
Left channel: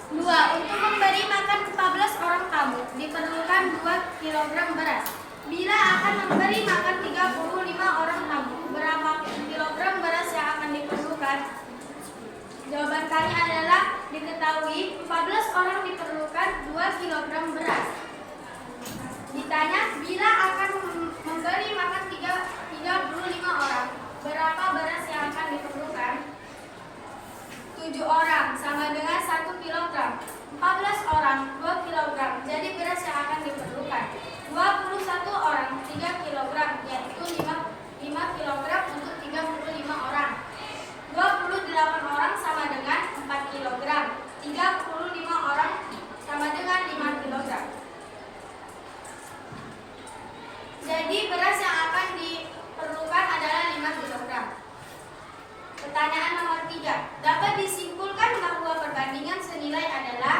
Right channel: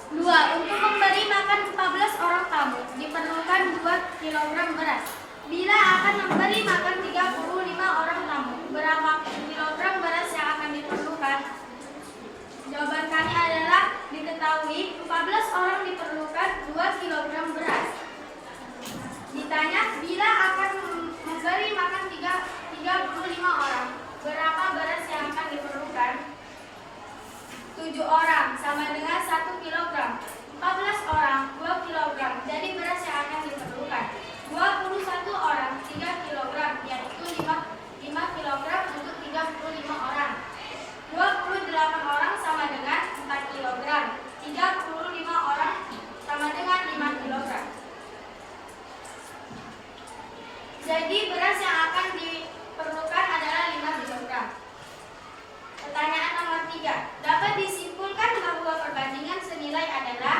2. Untuk memberi makan 14 orang tamu diperlukan 2 kg beras. Bila akan memberi makan 35 orang tamu, berapa kilogram beras yang akan diperlukan? Jawaban kami adalah diketahui 14 orang diperlukan 2 kg beras. Ditanya bila akan memberi makan 35 orang, berapa beras yang akan diperlukan? 7 orang sama dengan 1 kg. 14 orang 2 kg. Jadi beras yang akan diperlukan 21 orang 3 kg, yaitu 5 kg untuk 35 orang. 28 orang sama dengan 4 kg. 35 orang sama dengan 5 kg. Jadi beras yang akan diperlukan adalah 5 kg. Pertanyaan nomor 3. Dapat disimpulkan bahwa perbandingan senilai adalah?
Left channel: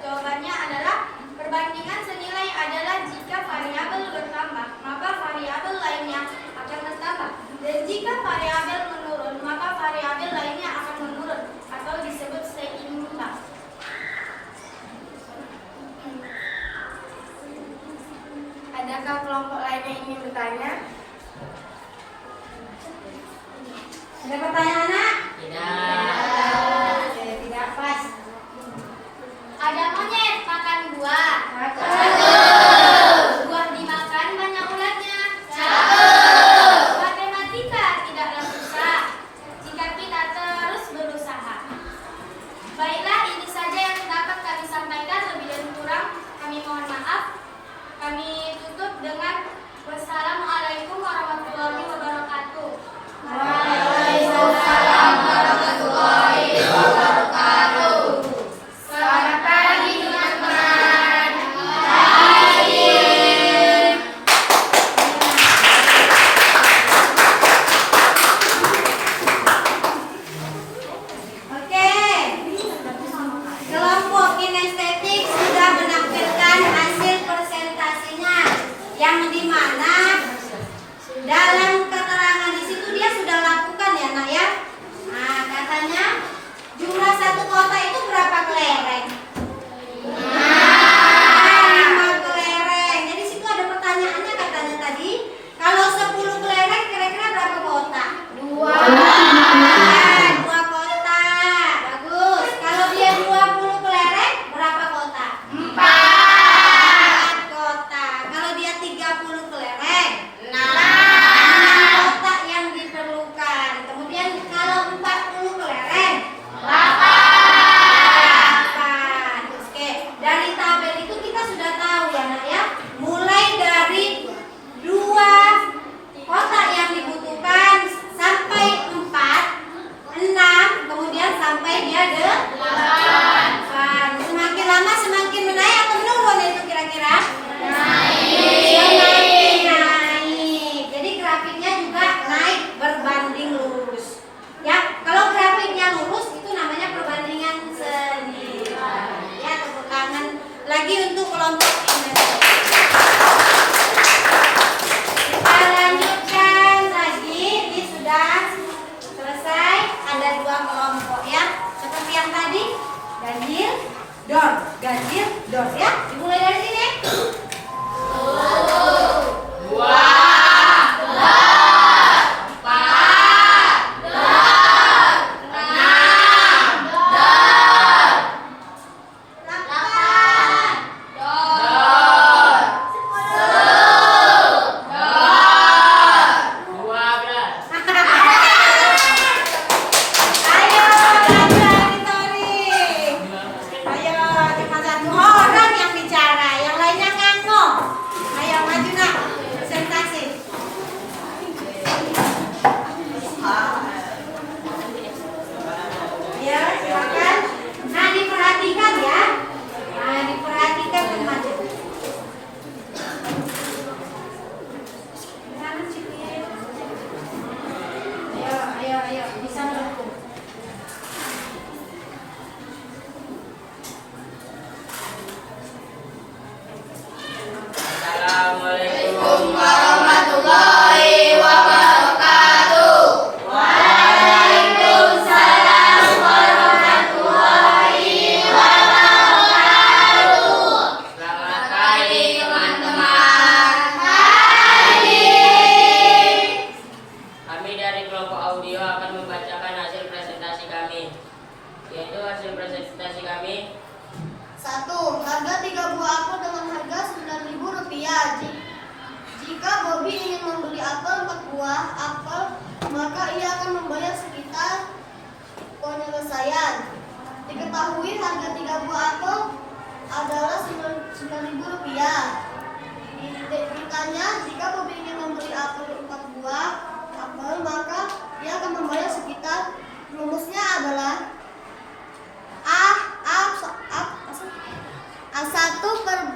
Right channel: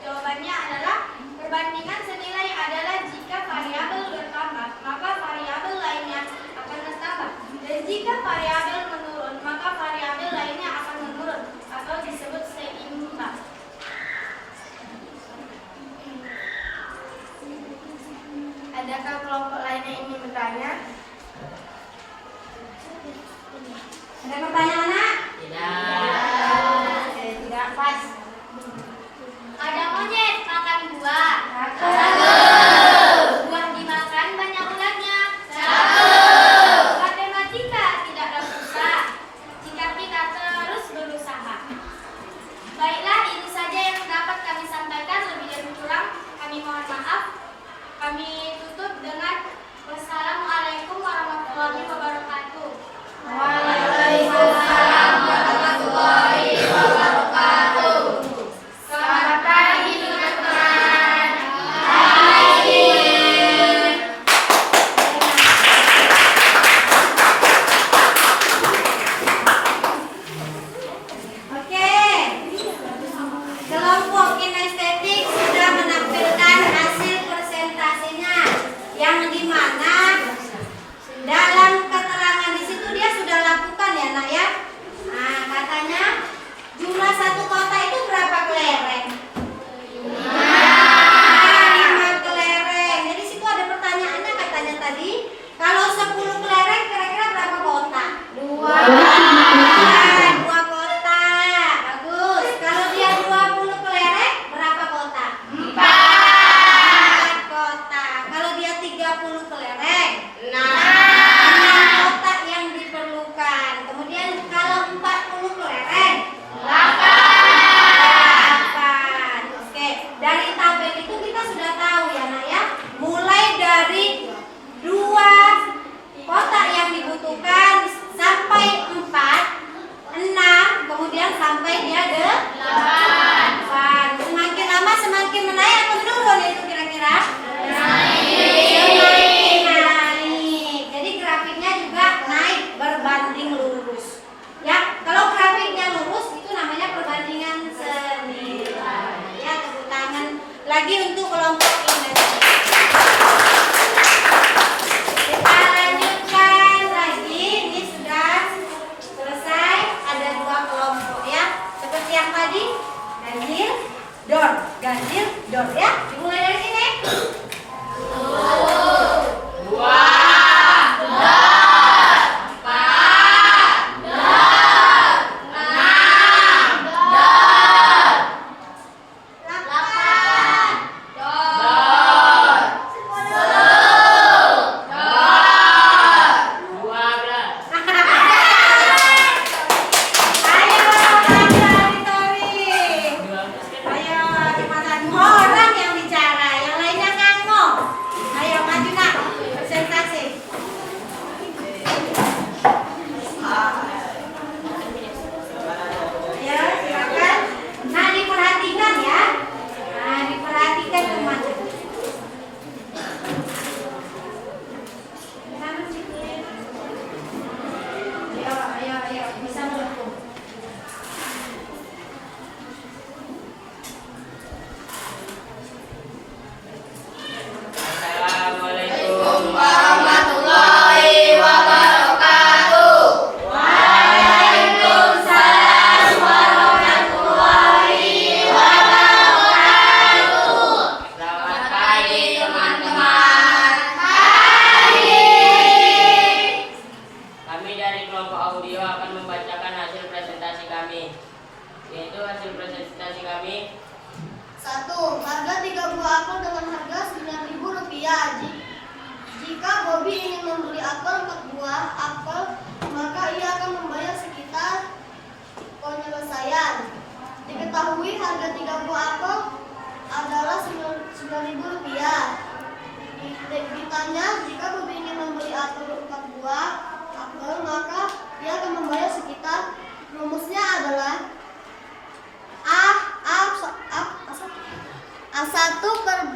Jawabannya adalah perbandingan senilai adalah jika variabel bertambah, maka variabel lainnya akan tetap bertambah. Dan jika variabel menurun, maka variabel lainnya akan menurun atau disebut seimbang. Adakah kelompok lain yang ingin bertanya? Ada pertanyaan, anak? Tidak. Oke, tidak pas. Ada monyet makan buah. Buah dimakan banyak ulatnya. Matematika tidaklah susah jika kita terus berusaha. Baiklah, ini saja yang dapat kami sampaikan. Lebih dan kurang kami mohon maaf. Kami tutup dengan wassalamualaikum warahmatullahi wabarakatuh. Waalaikumsalam warahmatullahi wabarakatuh. Selamat pagi teman-teman. Oke, kelompok kinestetik sudah menampilkan hasil presentasinya, yang dimana dalam keterangan di situ dia sudah lakukan ya, nak ya. Nah, katanya jumlah satu kota itu berapa kelereng? 5 kelereng. Jadi situ ada pertanyaannya, katanya tadi kalau 10 kelereng kira-kira berapa kota? 2 kota. Bagus. Kalau dia 20 kelereng berapa kota? 4 kota. Kalau dia 30 kelereng 6 kota yang diperlukan. Kemudian kalau 40 kelereng 8. Oke, dari tabel itu kita sudah tahu ya, nak ya. Mulai dari 2 kota yang dibutuhkan sampai 4, 6, kemudian sampai dia 8. Semakin lama semakin menaik atau menurun itu kira-kira? Semakin naik. Jadi grafiknya juga naik berbanding lurus. Ya, kalau grafiknya lurus itu namanya perbandingan senilai. Ya, tepuk tangan lagi untuk kelompok ini. Kita lanjutkan lagi. Ini sudah selesai. Ada 2 kelompok ya. Seperti yang tadi, ganjil, dor, ganjil, dor ya. Dimulai dari sini.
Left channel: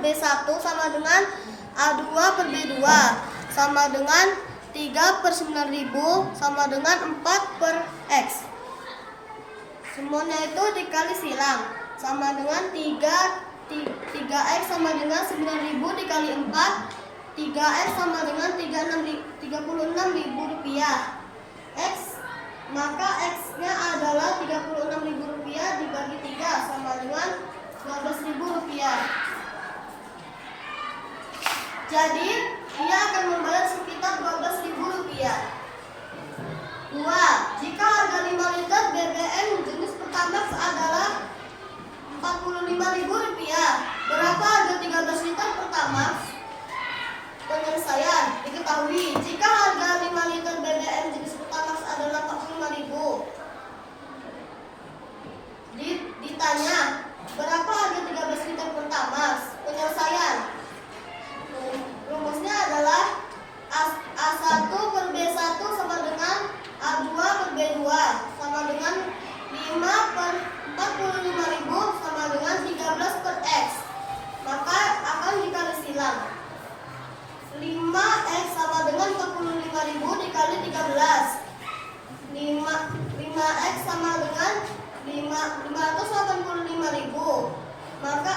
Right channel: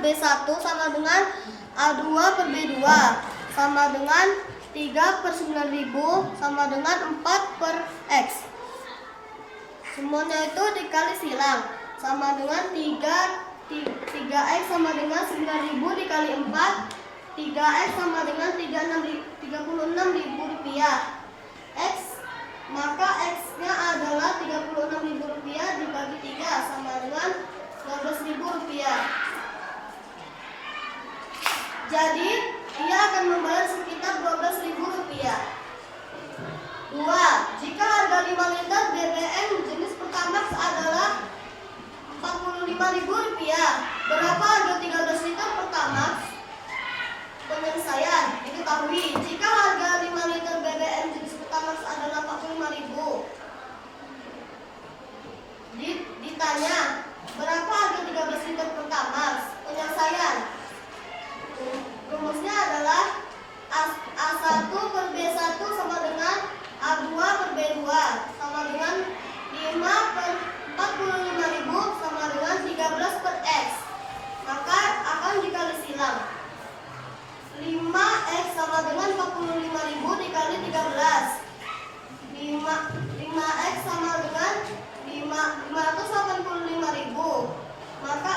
B1 sama dengan A2 per B2 sama dengan 3 per 9.000 sama dengan 4 per X. Semuanya itu dikali silang sama dengan 3X sama dengan 9.000 dikali 4 3X sama dengan 36.000 rupiah. X, maka X-nya adalah 36.000 rupiah dibagi 3 sama dengan 12.000 rupiah. Jadi, ia akan membayar sekitar 12.000 rupiah. 2. Jika harga 5 liter BBM jenis Pertamax adalah 45.000 rupiah, berapa harga 13 liter Pertamax? Penyelesaian. Diketahui jika harga 5 liter BBM jenis Pertamax adalah 45.000. Ditanya, berapa harga 13 liter Pertamax? Penyelesaian. Rumusnya adalah A1 per B1 sama dengan A2 per B2 sama dengan 5 per 45.000 sama dengan 13 per X. Maka akan dikali silang. 5X sama dengan 45.000 dikali 13. 5X sama dengan 585.000. Maka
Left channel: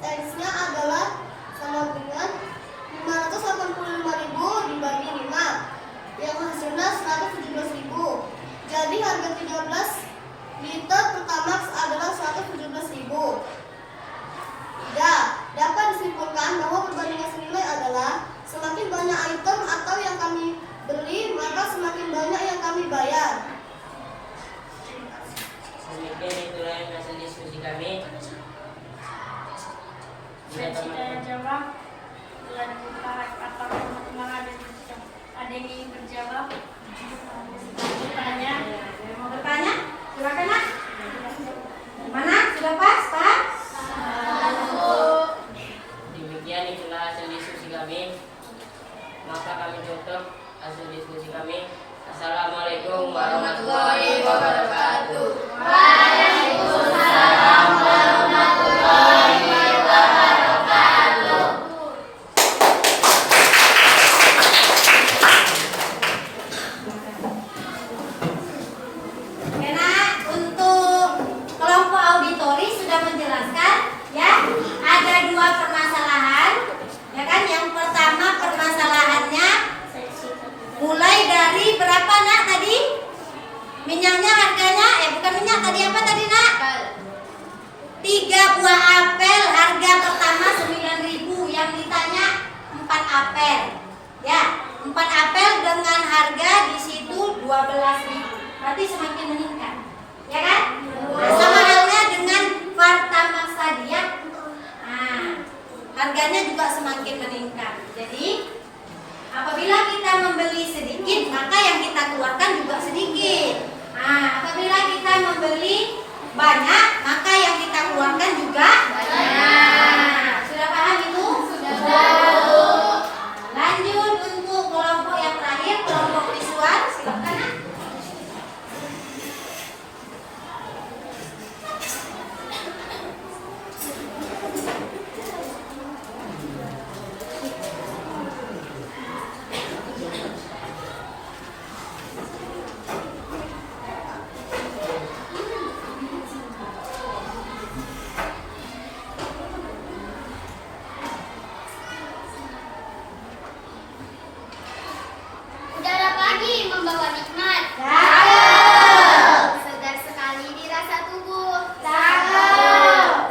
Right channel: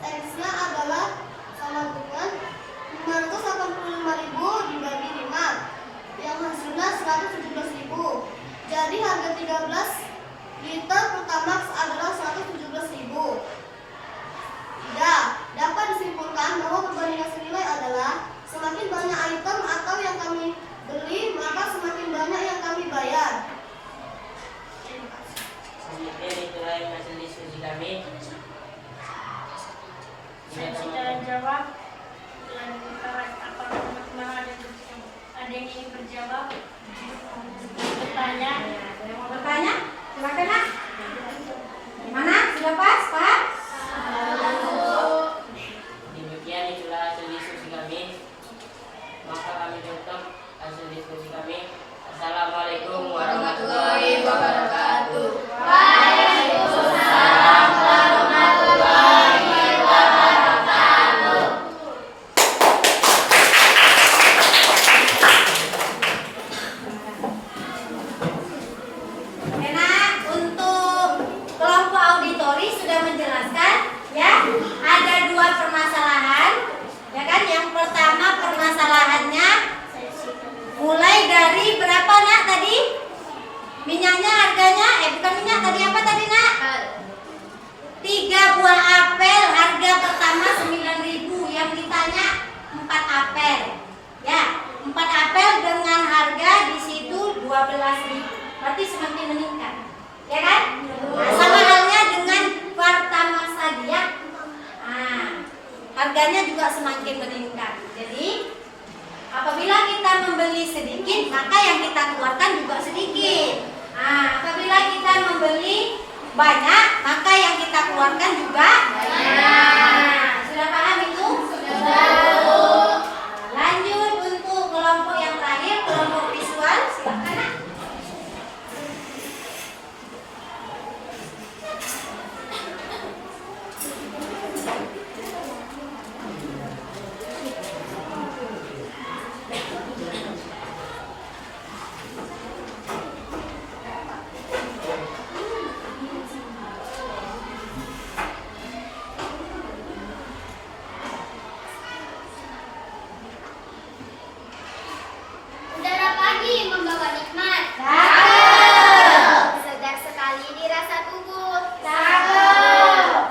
X-nya adalah sama dengan 585.000 dibagi 5, yang hasilnya 117.000. Jadi harga 13 liter Pertamax adalah 117.000. Tidak dapat disimpulkan bahwa perbandingan senilai adalah semakin banyak item atau yang kami beli, maka semakin banyak yang kami bayar. Demikian itulah yang hasil diskusi kami. Saya jawab lantaran apa teman-teman ada yang ingin berjawab, bertanya. Ada yang mau bertanya? Silakan, Nak. Gimana? Sudah pas, Pak? Demikian itulah hasil diskusi kami. Maka kami tutup hasil diskusi kami. Assalamualaikum warahmatullahi wabarakatuh. Waalaikumsalam warahmatullahi wabarakatuh. Ya, Nak, untuk kelompok auditori sudah menjelaskan ya, ada 2 permasalahan. Ya kan? Yang pertama permasalahannya mulai dari berapa, Nak, tadi? Minyaknya harganya, bukan minyak, tadi apa tadi, Nak? 3 buah apel harga pertama 9.000, yang ditanya 4 apel. Ya, 4 apel dengan harga di situ 12.000. Berarti semakin meningkat. Ya kan? Nah, sama halnya dengan Pertamax tadi ya. Nah, harganya juga semakin meningkat. Jadi apabila kita membeli sedikit, maka yang kita keluarkan juga sedikit. Nah, apabila kita membeli banyak, maka yang kita keluarkan juga banyak. Sudah paham itu? Sudah. Lanjut untuk kelompok yang terakhir, kelompok visual. Silakan, Nak. Udara pagi membawa nikmat. Segar sekali dirasa tubuh.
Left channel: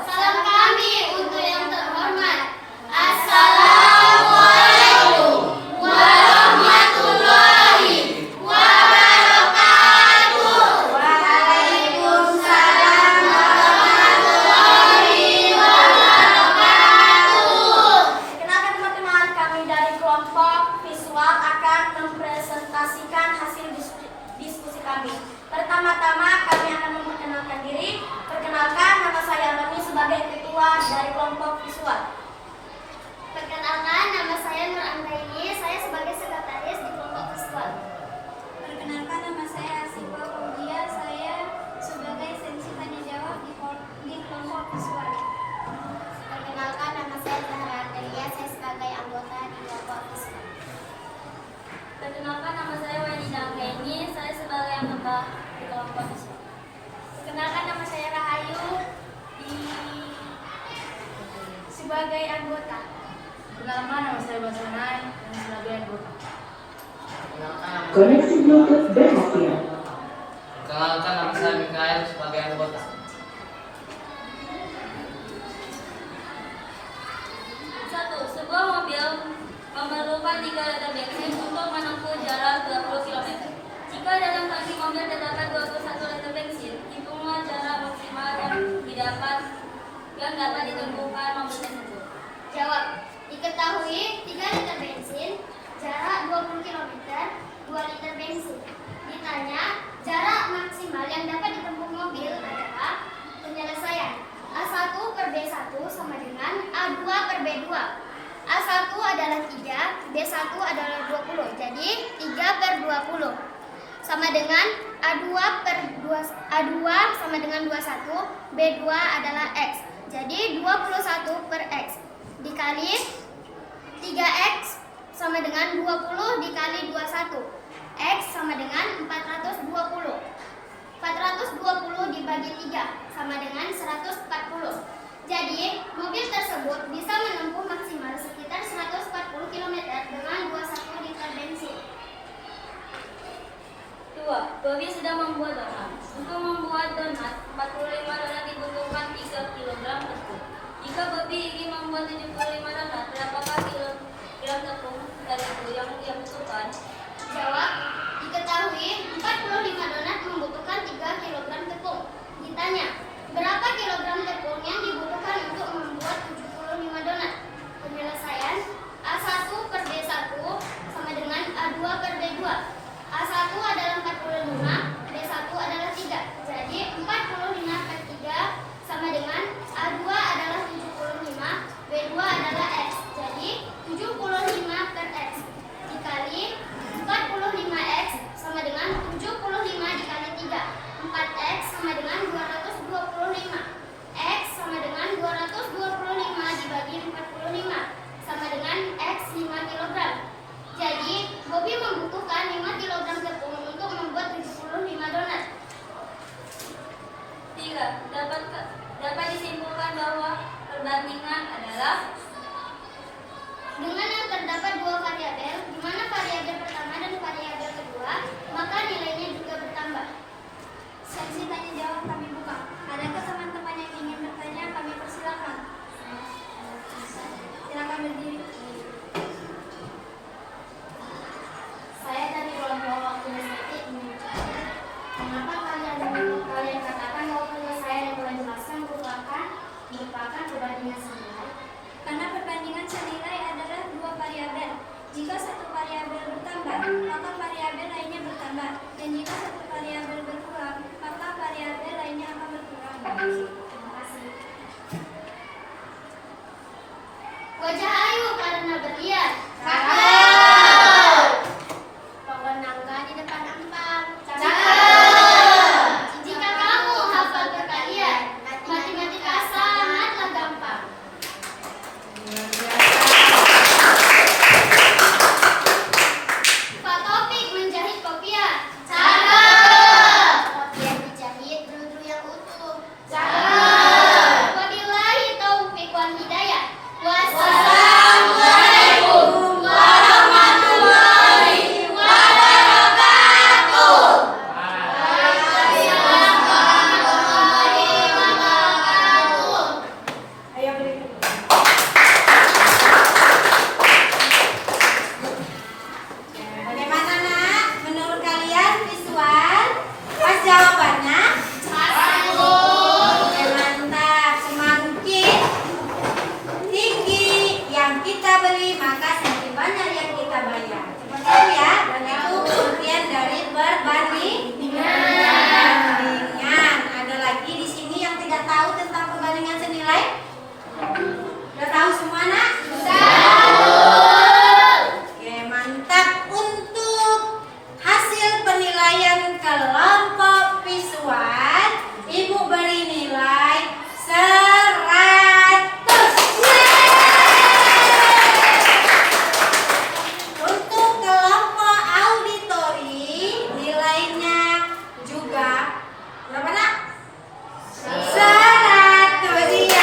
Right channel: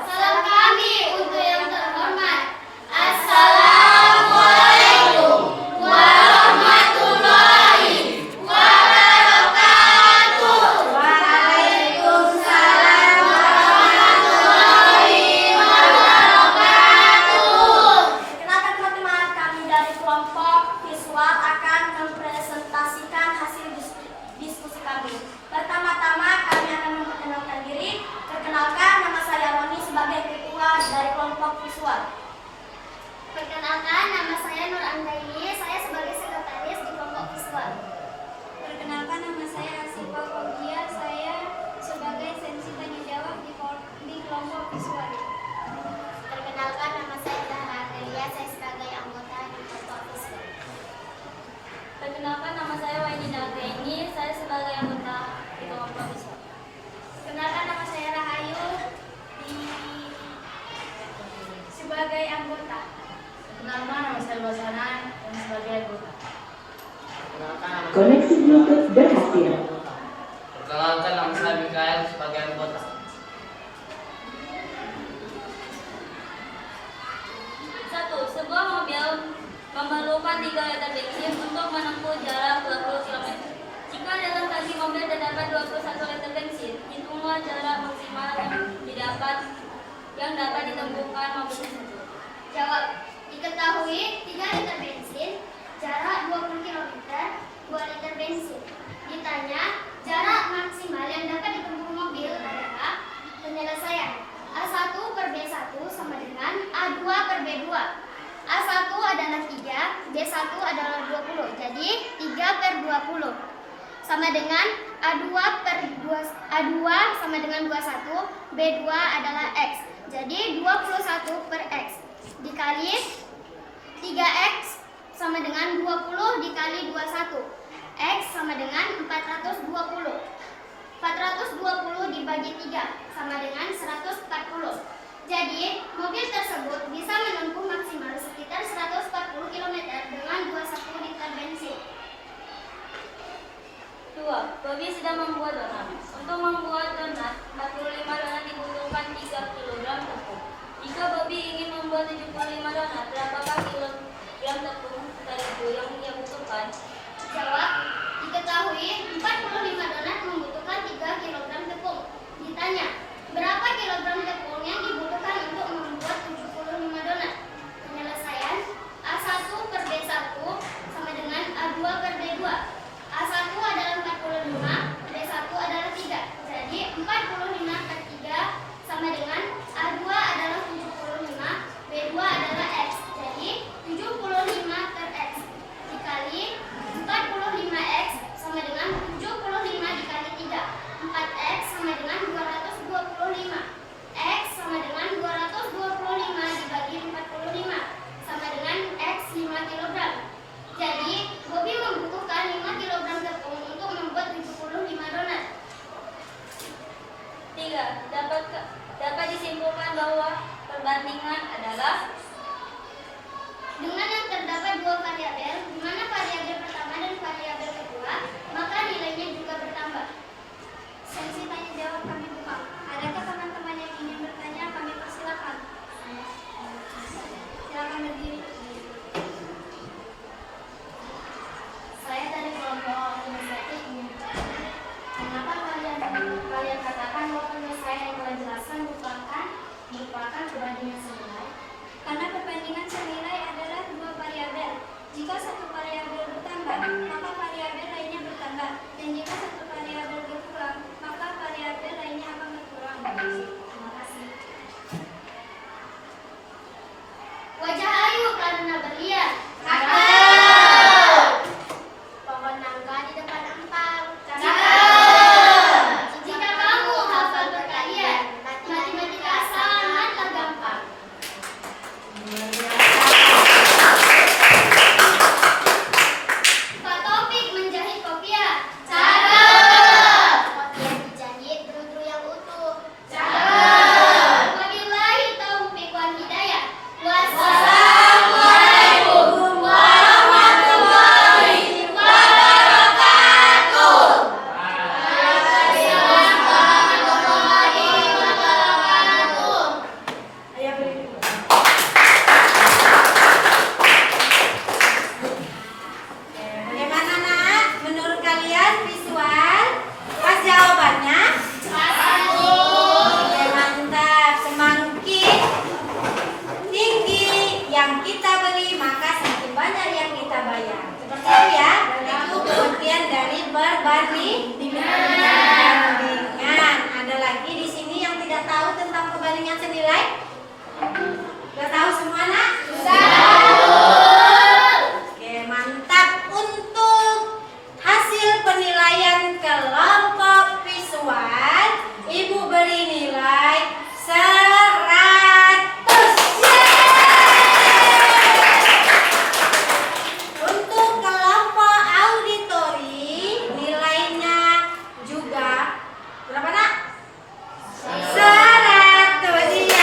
Salam kami untuk yang terhormat. Assalamualaikum warahmatullahi wabarakatuh. Waalaikumsalam warahmatullahi wabarakatuh. Kenapa teman-teman, kami dari kelompok visual akan mempresentasikan hasil diskusi kami. Pertama-tama kami akan memperkenalkan diri. Perkenalkan, nama saya Roni sebagai ketua dari kelompok visual. Perkenalkan, nama saya Nur Antaini. Saya sebagai sekretaris di kelompok visual. Perkenalkan, nama saya Arsifa Faudia. Saya sebagai sensi tanya jawab di kelompok visual. Perkenalkan, nama saya Zahra Antelia. Saya sebagai anggota di kelompok visual. Perkenalkan, nama saya Wainida Anggaini. Saya sebagai anggota di kelompok visual. Perkenalkan, nama saya Rahayu sebagai anggota. Nama saya Basanai dan sebagai anggota. Koneksi Bluetooth berhasil. Perkenalkan, nama saya Mikael sebagai anggota. Satu, sebuah mobil memerlukan 3 liter bensin untuk menempuh jalan 20 km. Jika dalam tangki mobil terdapat 21 liter bensin, hitunglah jarak maksimal yang dapat ditempuhkan mobil tersebut. Jawab. Diketahui 3 liter bensin, jarak 20 km, 2 liter bensin. Ditanya, jarak maksimal yang dapat ditempuh mobil adalah penyelesaian. A1 per B1 sama dengan A2 per B2. A1 adalah 3, B1 adalah 20. Jadi 3 per 20 sama dengan A2 sama dengan 21, B2 adalah X. Jadi 21 per X dikali 3X sama dengan 20 dikali 21. X sama dengan 420. 420 dibagi 3 sama dengan 140. Jadi, mobil tersebut bisa menempuh maksimal sekitar 140 km dengan 21 liter bensin. 2. Bobby sedang membuat donat. Untuk membuat donat, 45 donat dibutuhkan 3 kg tepung. Jika Bobby ingin membuat 75 donat, berapakah kilogram tepung terigu yang dia butuhkan? Jawab. Diketahui 45 donat membutuhkan 3 kg tepung. Ditanya, berapa kilogram tepung yang dibutuhkan untuk membuat 75 donat? Penyelesaian, A1 per B1 sama dengan A2 per B2. A1 adalah 45, B1 adalah 3. Jadi 45 per 3 sama dengan A2 adalah 75, B2 adalah X. Jadi 75 per X dikali 45X sama dengan 75 dikali 3. 4X sama dengan 225. X sama dengan 225 dibagi 45 sama dengan X 5 kg. Jadi, Bobby membutuhkan 5 kg tepung untuk membuat 75 donat. 3. Dapat disimpulkan bahwa perbandingan adalah dengan yang terdapat 2 variabel, di mana variabel pertama dan variabel kedua, maka nilainya juga bertambah. Sesi tanya jawab kami buka. Adakah teman-teman yang ingin bertanya? Kami persilakan. Silakan berdiri. Saya dari kelompok inisiatif ingin bertanya, mengapa kalian katakan bahwa penyelesaian yang telah jelaskan merupakan perbandingan senilai? Karena perbandingan senilai adalah 2 variabel. Jika satu variabel bertambah, maka variabel lainnya bertambah. Dan jika satu variabel berkurang, maka variabel lainnya akan berkurang. Terima kasih. Wajah Ayu karena berlian. Pohon nangka di depan empang. Jika kamu hafal perkalian, matematika sangatlah gampang. Pak Topik menjahit kopiah. Cakep. Kopiah dijahit berudru yang utuh. Cakep. Wabillahi taufiq wal hidayah. Wassalamualaikum warahmatullahi wabarakatuh. Waalaikumsalam warahmatullahi wabarakatuh. Bagaimana nak? Menurut kalian visual? Pas jawabannya? Oke, mantap. Semakin tinggi yang kita beri, maka semakin banyak yang kita bayar. Seperti itu ya. Dan itu pengertian dari perbandingan. Ada lagi di sini yang tidak tahu tentang perbandingan senilai? Sudah tahu semua nak? Oke, mantap. Untuk hasil penilaian kelompok visual, Ibu beri nilai 100. Untuk kelompok auditori, nilainya juga berapa nak? 100. Iya.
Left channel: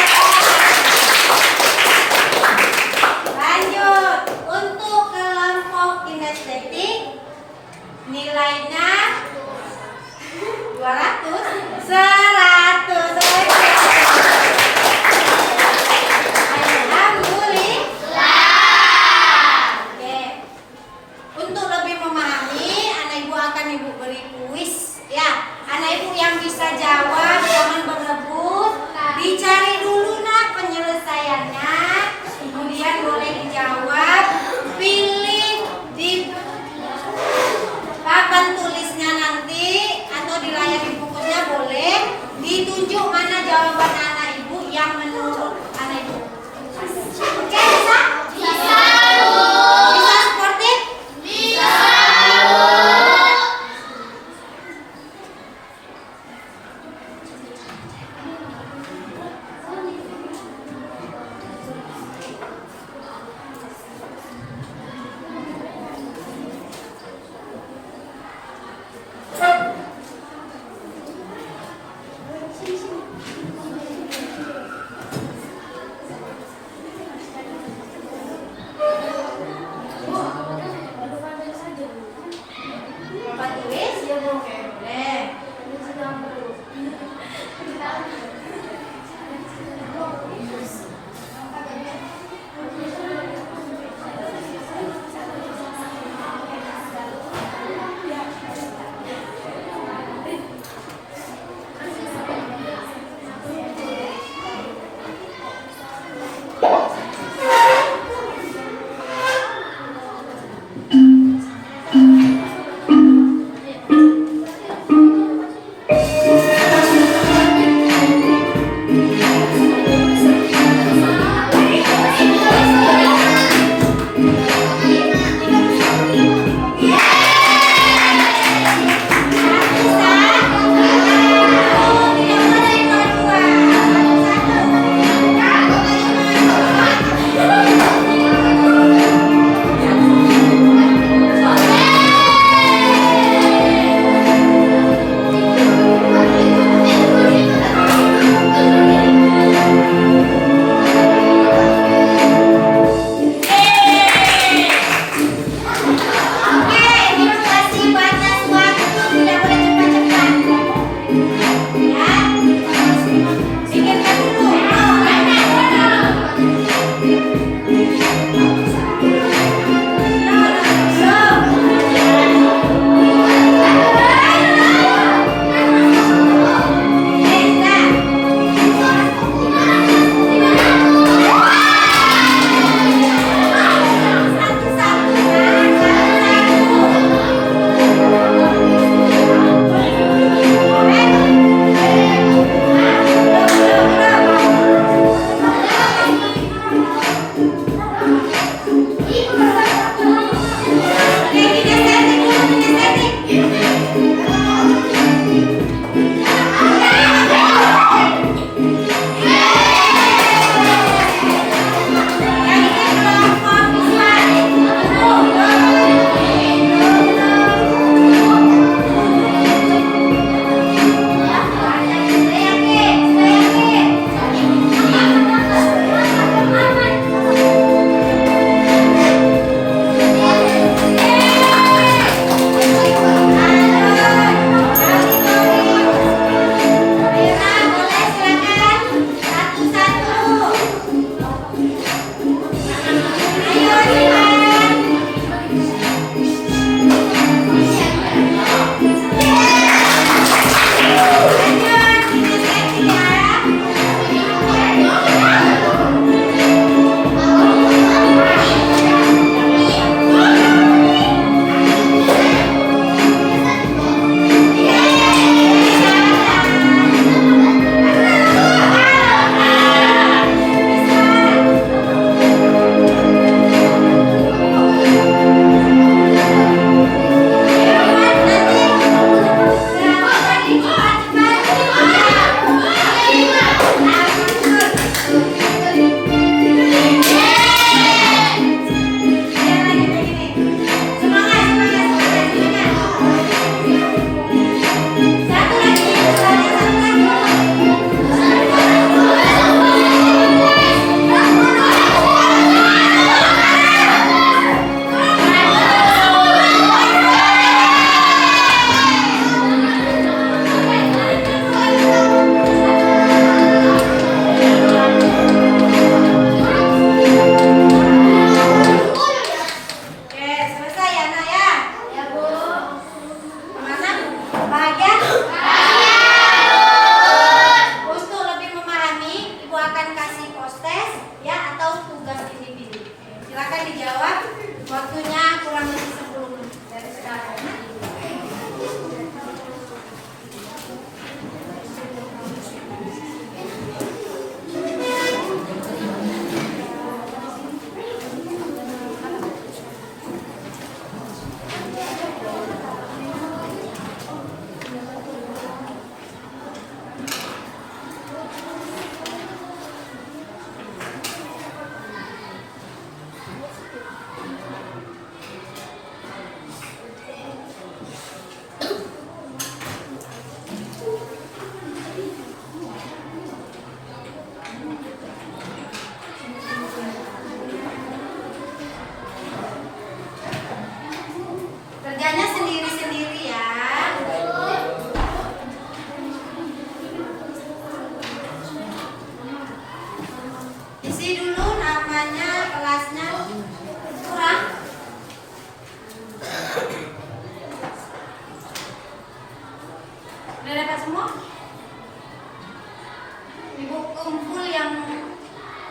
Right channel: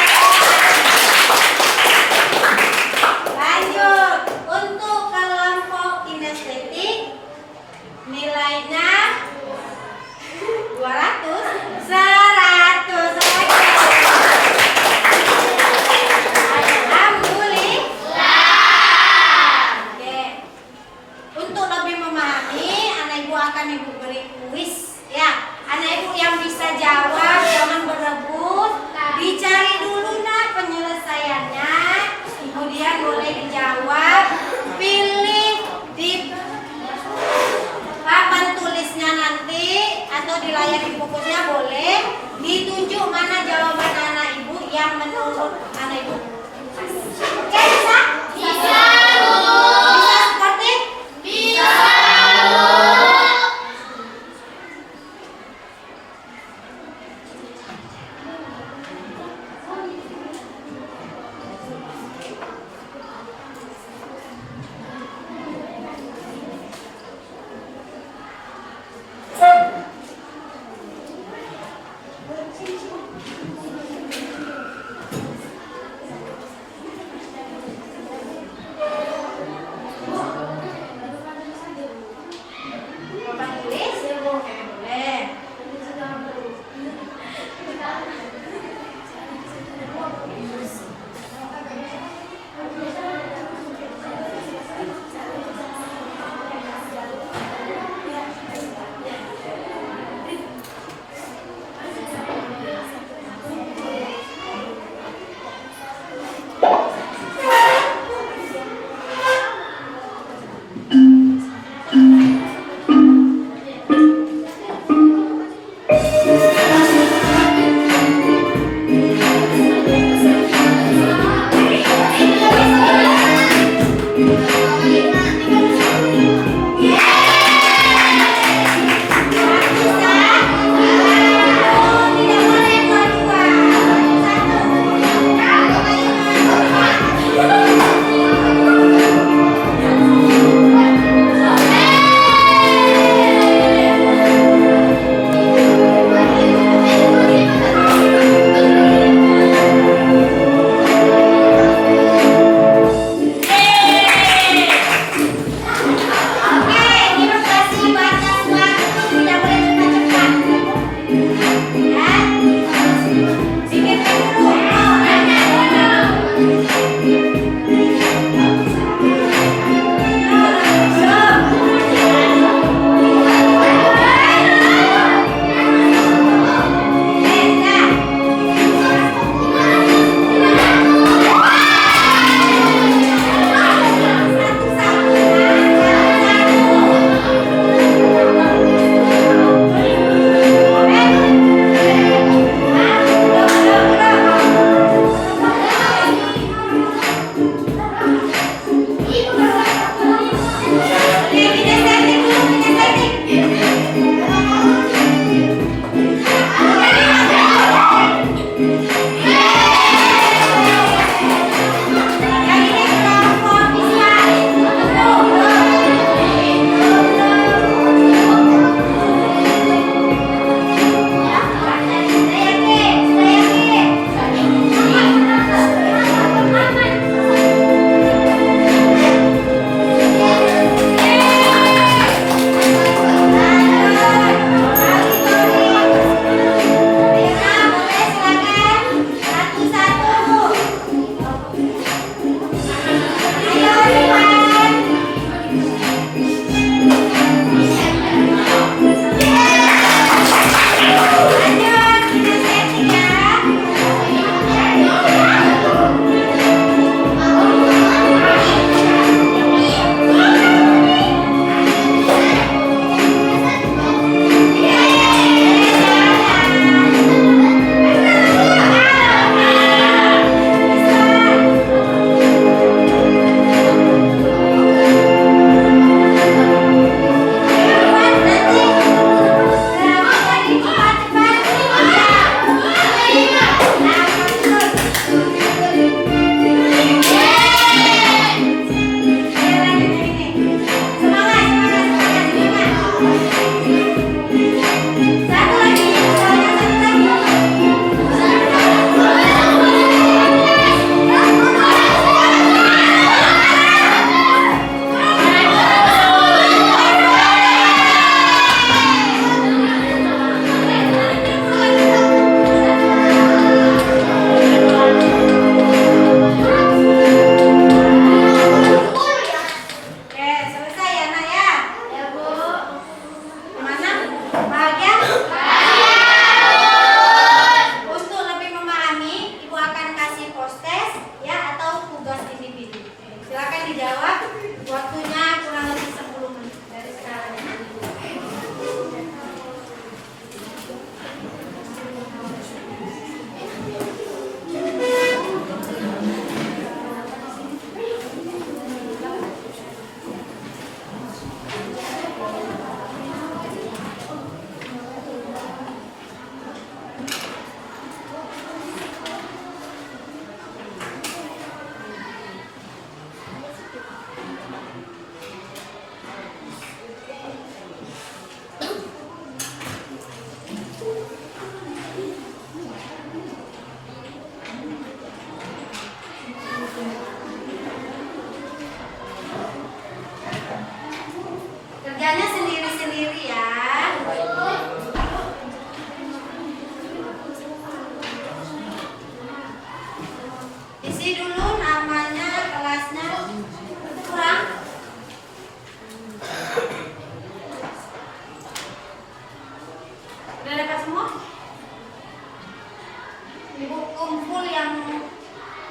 yang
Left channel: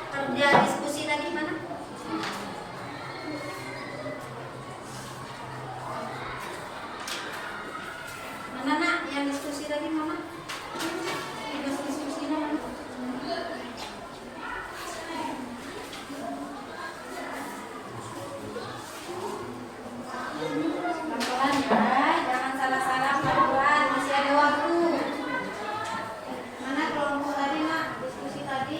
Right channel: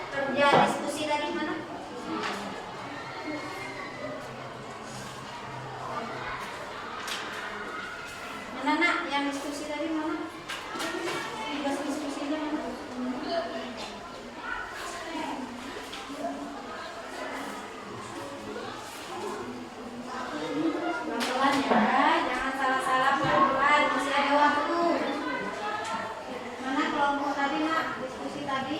kerja diskusi tadi mana? Mana nak yang diskusi tadi mana? Tugas diskusinya mana? Pelan-pelan ya, jangan salah-salah pelan-pelan, masih ada waktu. Mana kelompok tadi nak diskusi tadi?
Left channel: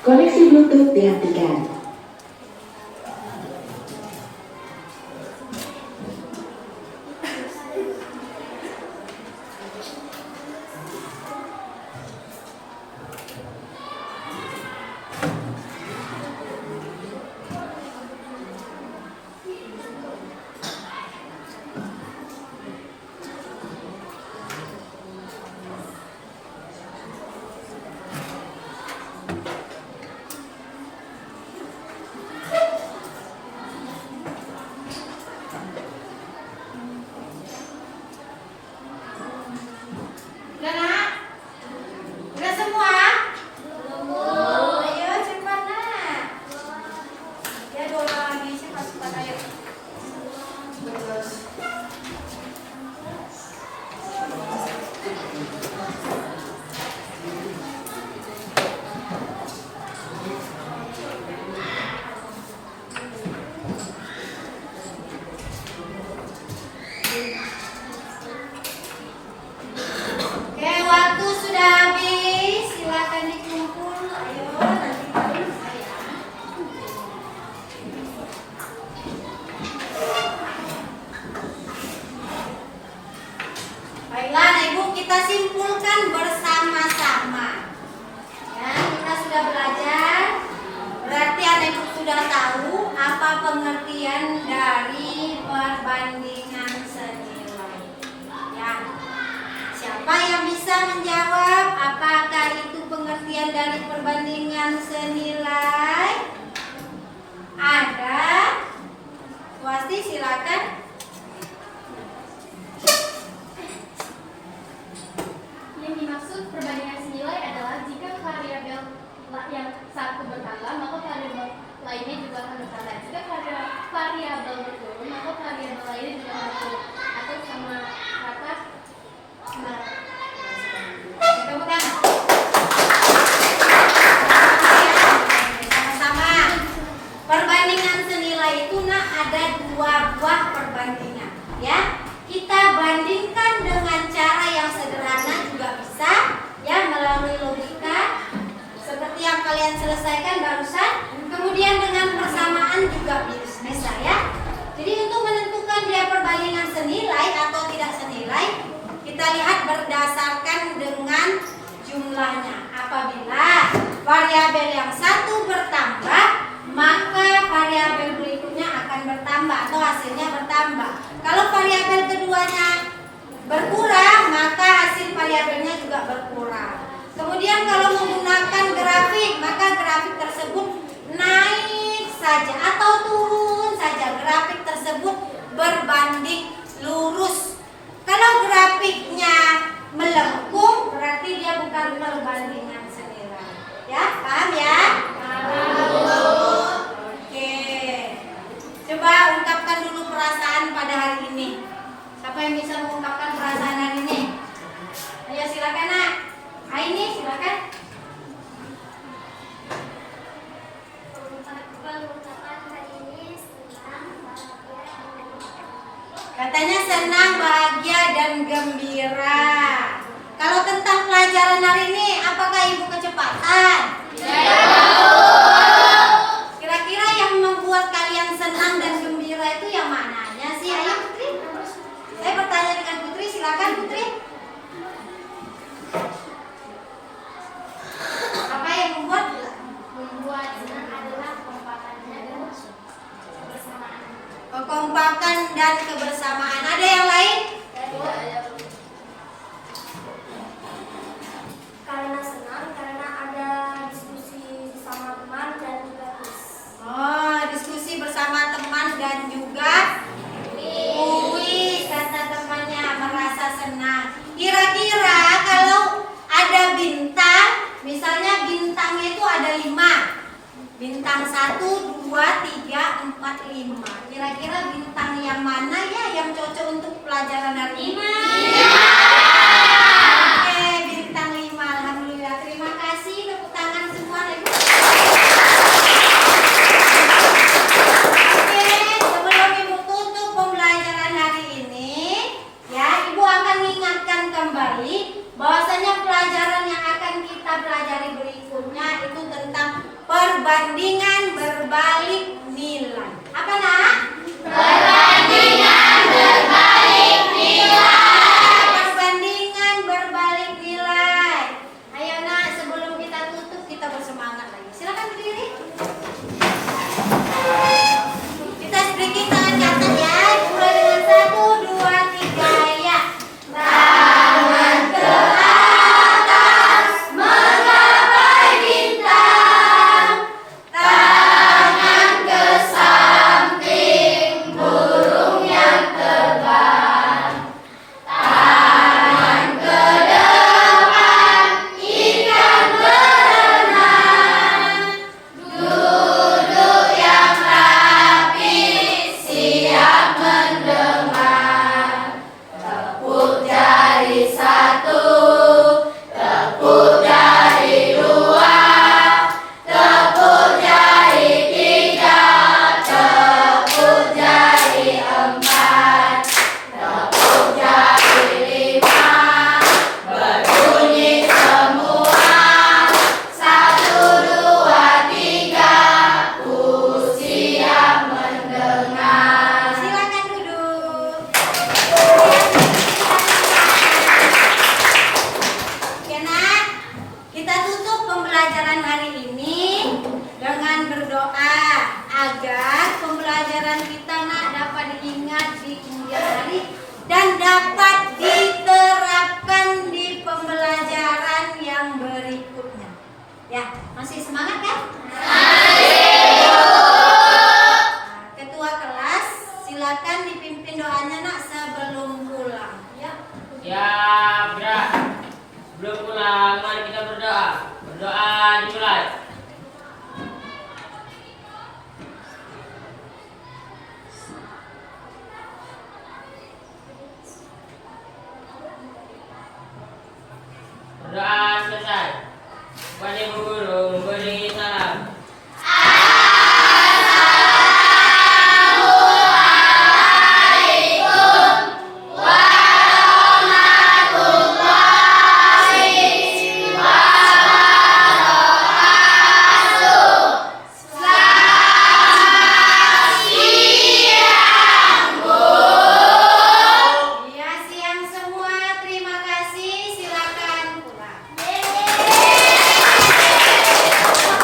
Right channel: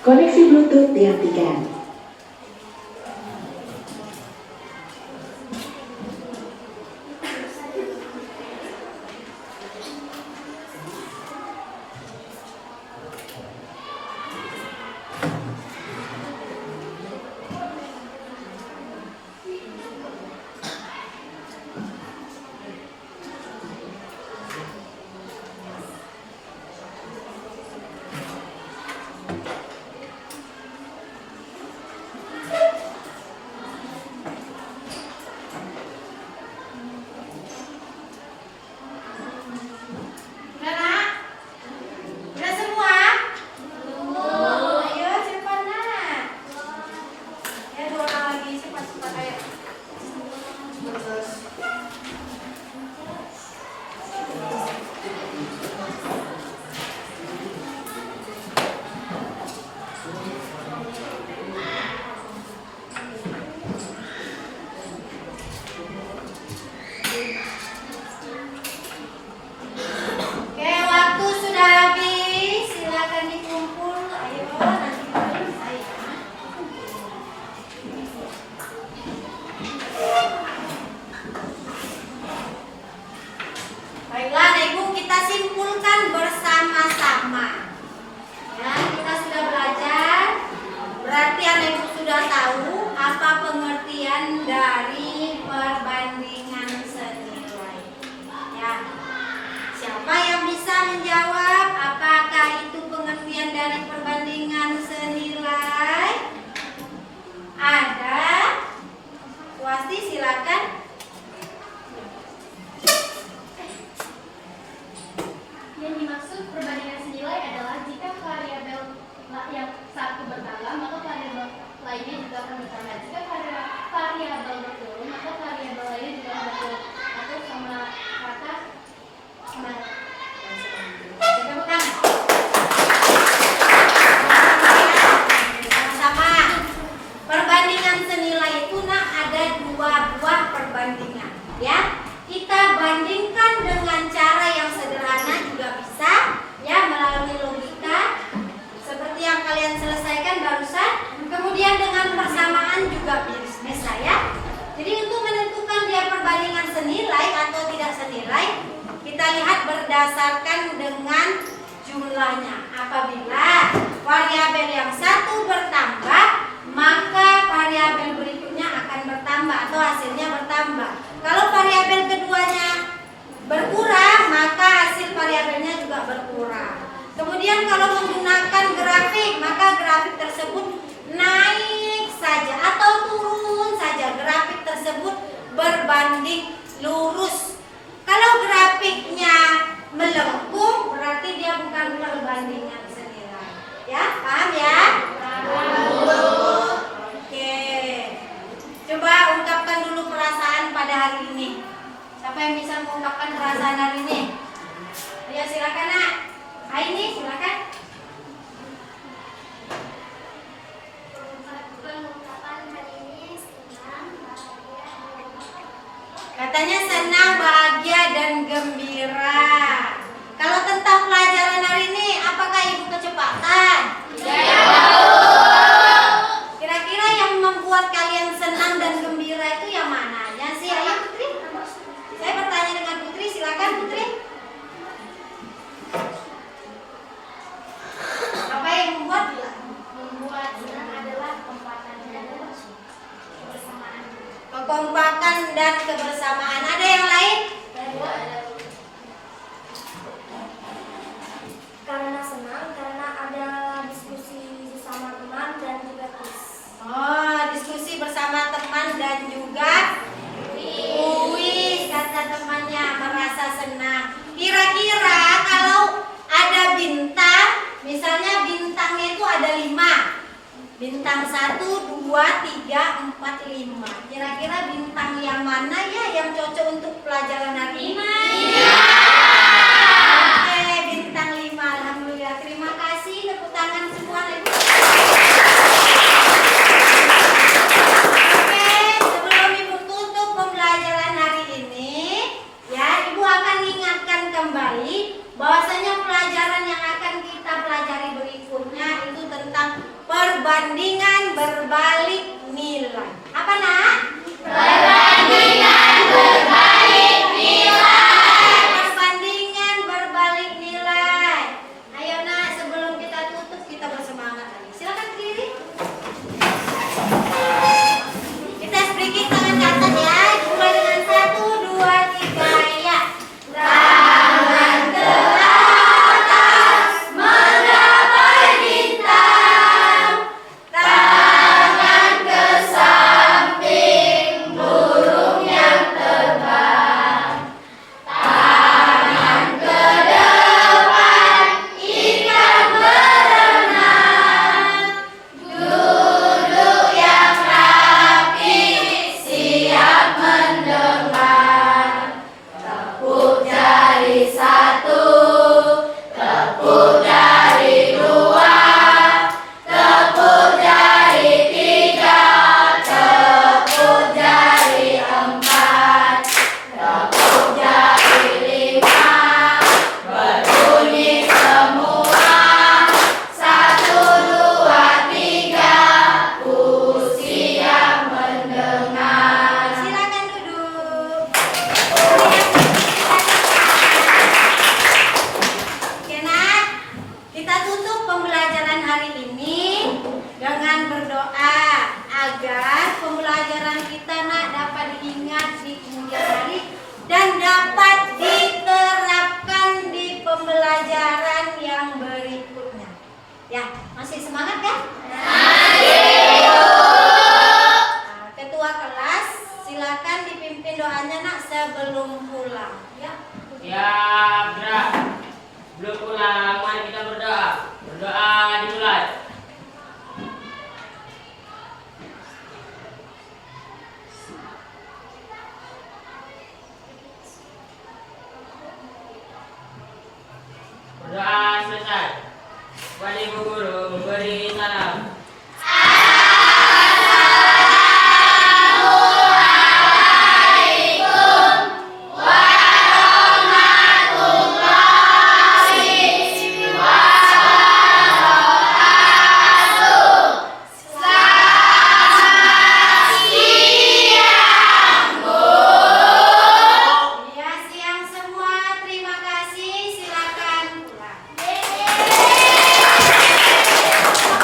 Koneksi Bluetooth dihentikan. Udah nak? Udah semua? Ayo cepat nak. Ya 2 orang lagi cepat ayo. Terus. Oke, waktu sudah habis. Silakan dikumpul. Ayo, nanti baru saya. Baiklah, Anak Ibu, kita simpulkan bersama-sama. Ya, kita sudah belajar. Berarti Anak Ibu sudah tahu apa pengertian dari perbandingan senilai. Ya. Siapa yang bisa menjawab apakah itu pengertian dari perbandingan senilai? Ada? Wasti silakan. Yang dimaksud perbandingan senilai adalah jika variabel yang satu bertambah, maka variabel lainnya juga akan bertambah. Jika variabel berturun, maka variabel lainnya juga akan berturun atau sama rata. Nah, Tepuk tangan. Sama-sama. Perbandingan senilai itu nak ada 2 buah perbandingan. Ya, kita bandingkan dengan cara yang sederhana juga bisa. Ya, melalui logika seperti yang kalian selesaikan barusan. Kemudian dengan persamaan juga bisa ya. Jadi untuk menentukan dia perbandingan senilai atau tidak senilai, kita lihat berdasarkan dengan jumlahnya. Apabila variabel yang satu bertambah, maka variabel berikutnya akan bertambah atau hasilnya bertambah. Kalau variabel keduanya berkurang, maka hasil variabelnya juga berkurang. Kemudian kalau menggunakan grafik, maka grafik tersebut naik saja atau turun saja. Grafik tersebut berbanding lurus. Kalau grafiknya melengkung, berarti dia bukan perbandingan senilai. Ya, paham ya? Oke. Coba ungkapkan dulu perasaan pada hari ini. Siapa yang bisa mengungkapkan perasaan hari ini? Ayo silakan nak. Aini silakan. Katanya senang, bahagia, dan gembira. Kalau tentang pelajaran hari ini, apakah ibu kecepatan? Kira-kira yang membuat kalian senang dan gembira itu yang mananya sih? Ayo Putri. Saya bertanya dengan Putri, silakan Putri. Apa yang membuat senang adalah kekompakannya dan kebersamaan. kekompakan dan kebersamaan? Ada yang lain? Karena senang, karena ada diskusi sama teman dan juga kuis. Oh, diskusi bersama teman dan juga kuis, kata temannya, merasa senang. Kira-kira kalau ada bintang, misalnya bintangnya itu ada 5. Bintang 1, 2, 3, 4, 5. Kira-kira bintang yang mana ya yang cocok untuk pelajaran hari ini? Oke, bintang 5. Alhamdulillah. Terima kasih. Tepuk tangan semua. Oke, sebelum Ibu tutup pembelajaran hari ini, ya, Ibu akan mengingatkan kembali bahwasanya pelajaran yang akan kita pelajari berikutnya itu tentang perbandingan berbalik nilai. Apa nak? Perbandingan berbalik nilai. Ayo nak, sebelum kita tutup kita bersemangat lagi. Silakan berdiri. Kita speaking tangan ke atas ya. Mulai dengan 1, 2, 3 ya. Tangan ke atas menggapai bintang. Tangan ke samping burung yang terbang. Tangan ke depan ikan berenang. Duduk yang rapi siap mendengar. Tepuk jari 1, tepuk jari 2, tepuk jari 3, tepuk jari 4, tepuk jari 5. Berbunyi semua. 1, 2, 3. Siap mendengar. Silakan duduk. Oke nak, kita tutup pembelajaran hari ini dengan berdoa agar pembelajaran kita nak dapat diingat di kemudian hari dan dapat diterapkan di pembelajaran yang berikutnya. Ya, masih semangat kan? Ketua kelas, silakan dipimpin doanya nak sebelum pulang. Ya. Ya, gerak. Belum pulang, mari kita berdoa. Berdoa dimulai. Berdoa selesai. Kepada Ibu Guru.